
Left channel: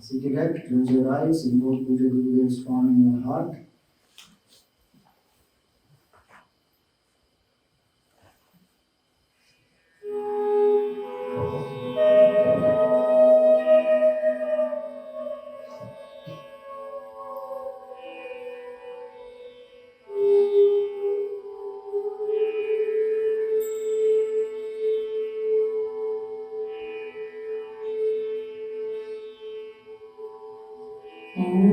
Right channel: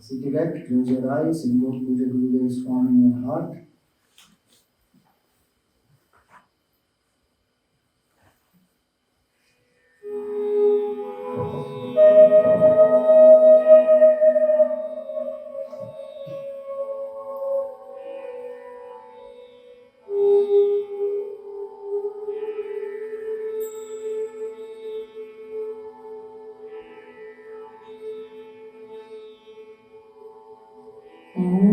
Sit erect, close your eyes, invoke Puja Gurudev's form in your heart. Om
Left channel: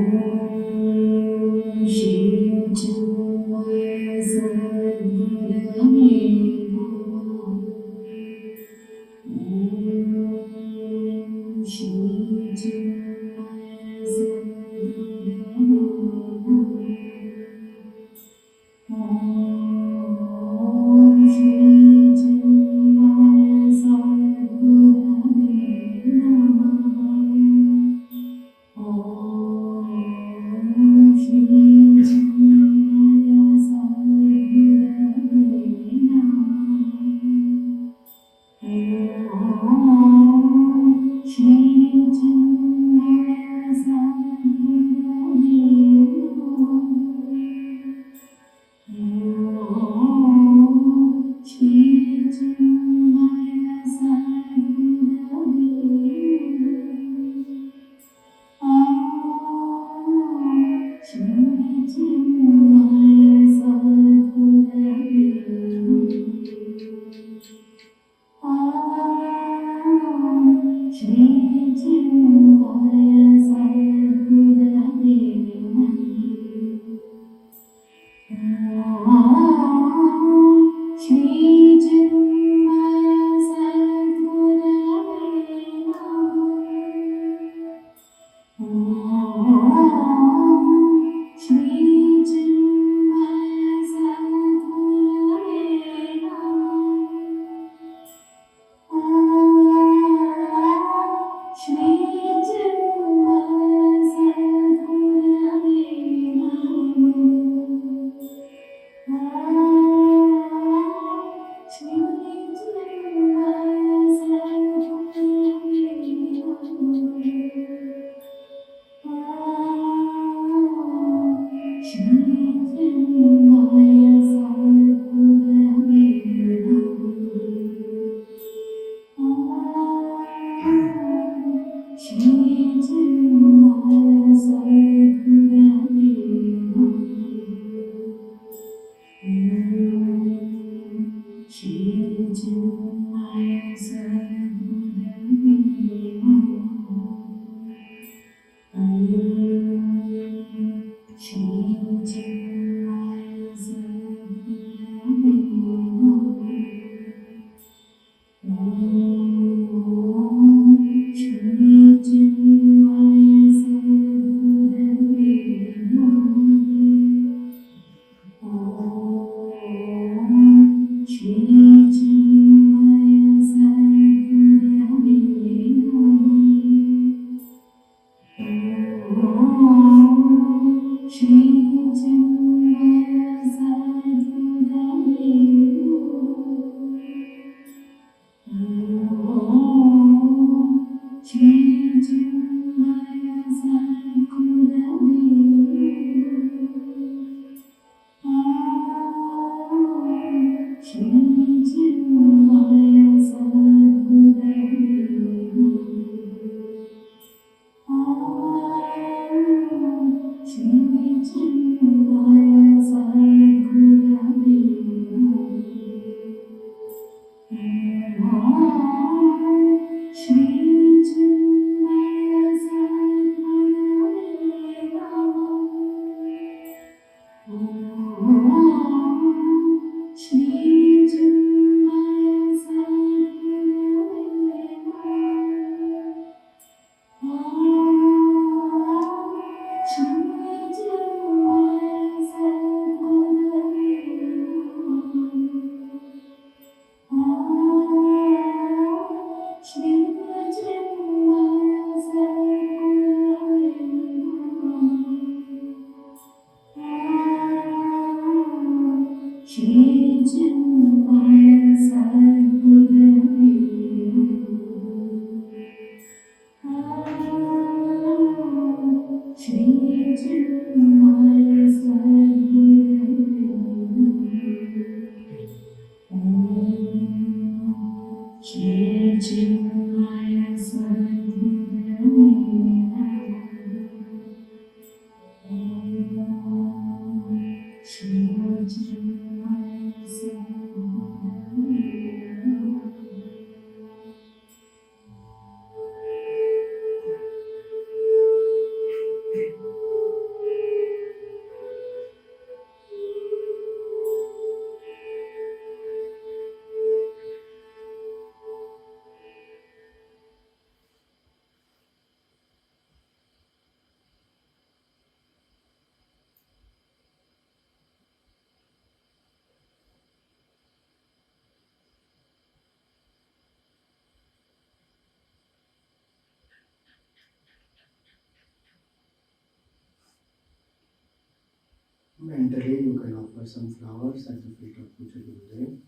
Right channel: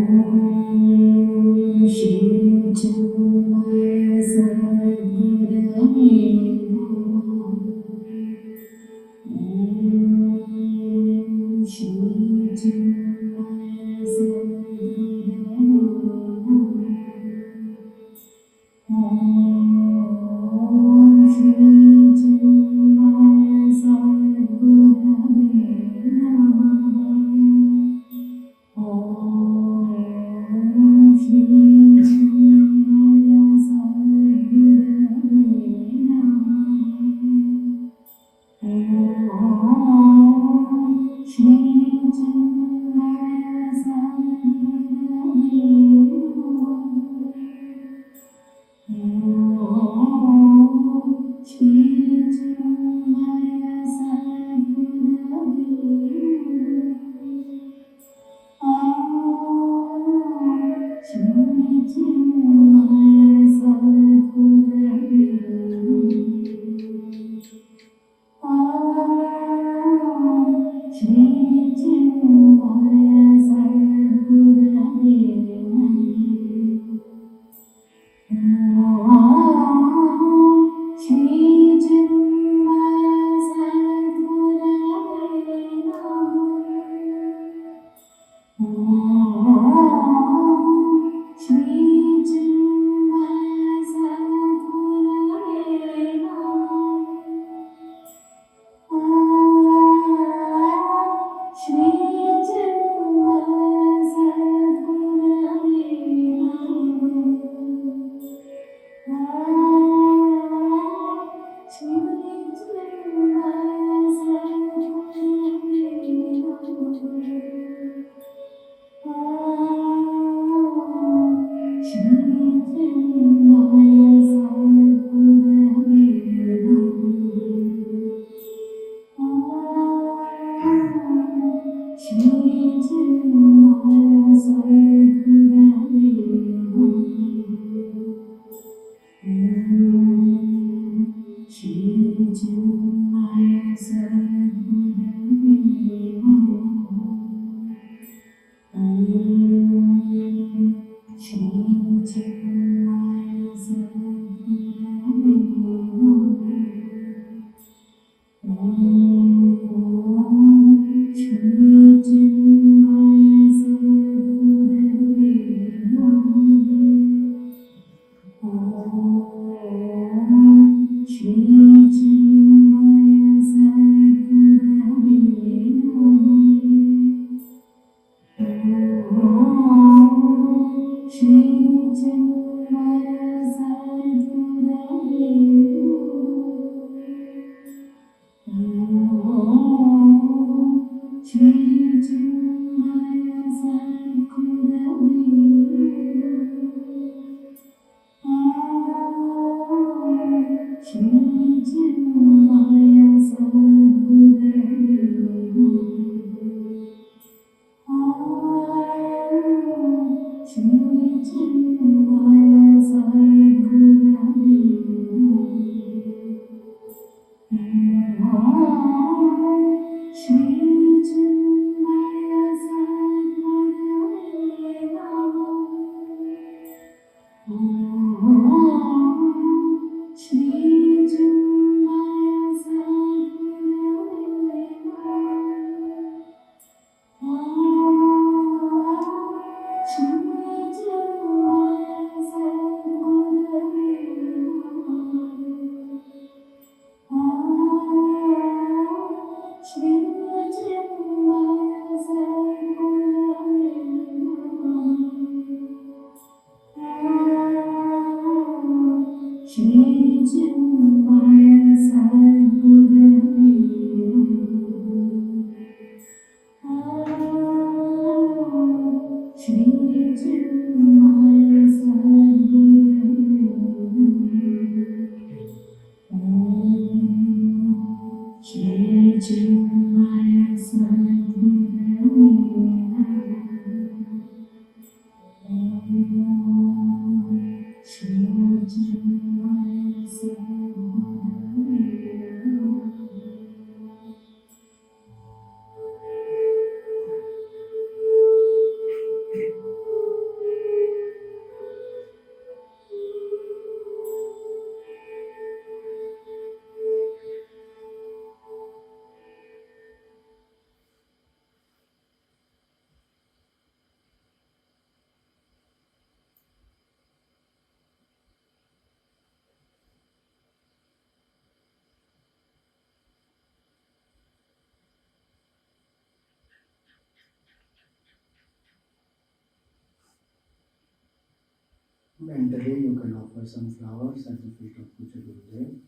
Mentally, you can offer some flowers at the feet of Puja Gurudev.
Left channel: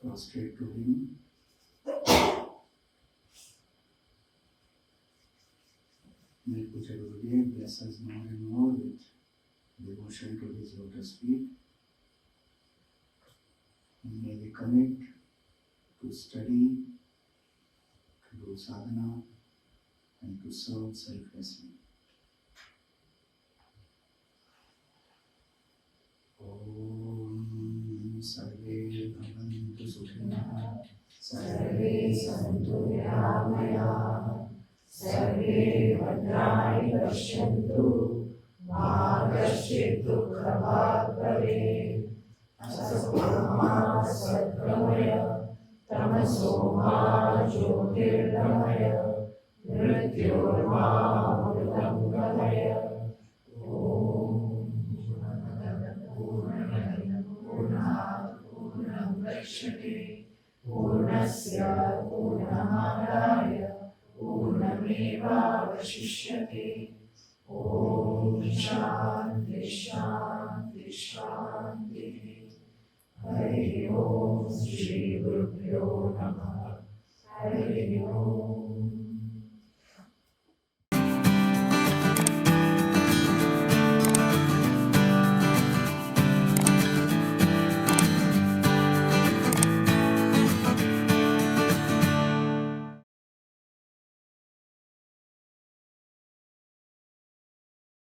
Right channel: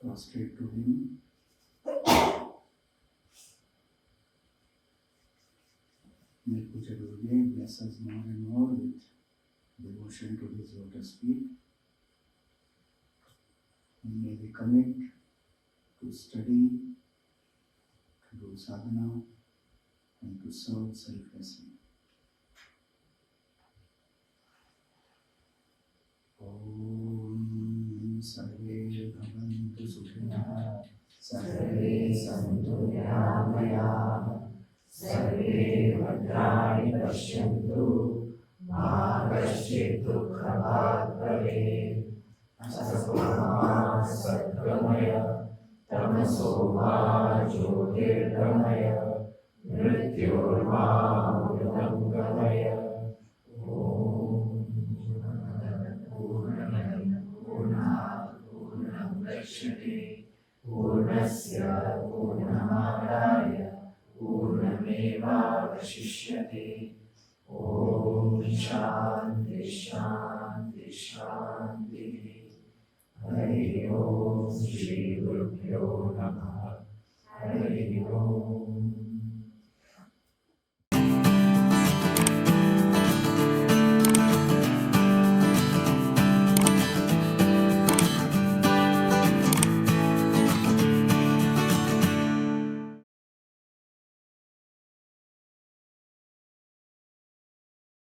Prostrate to him. May Puja Gurudev bless us more and more with devotion to his lotus feet. And may we commit to study, to do sadhana, and to serve selflessly. Om Sarve Bhavantu Sukhinah, Sarve Santu Niramaya, Sarve Bhadrani Pashyantu, Ma Kaschid Dukhabhat Bhavet, Asato Ma Satgamaya, Tamaso Ma Jyotirgamaya, Mrityurma Mridam Gamaya. Purnasya Purnamadaya Purnameva Vashishyate. Om Shanti.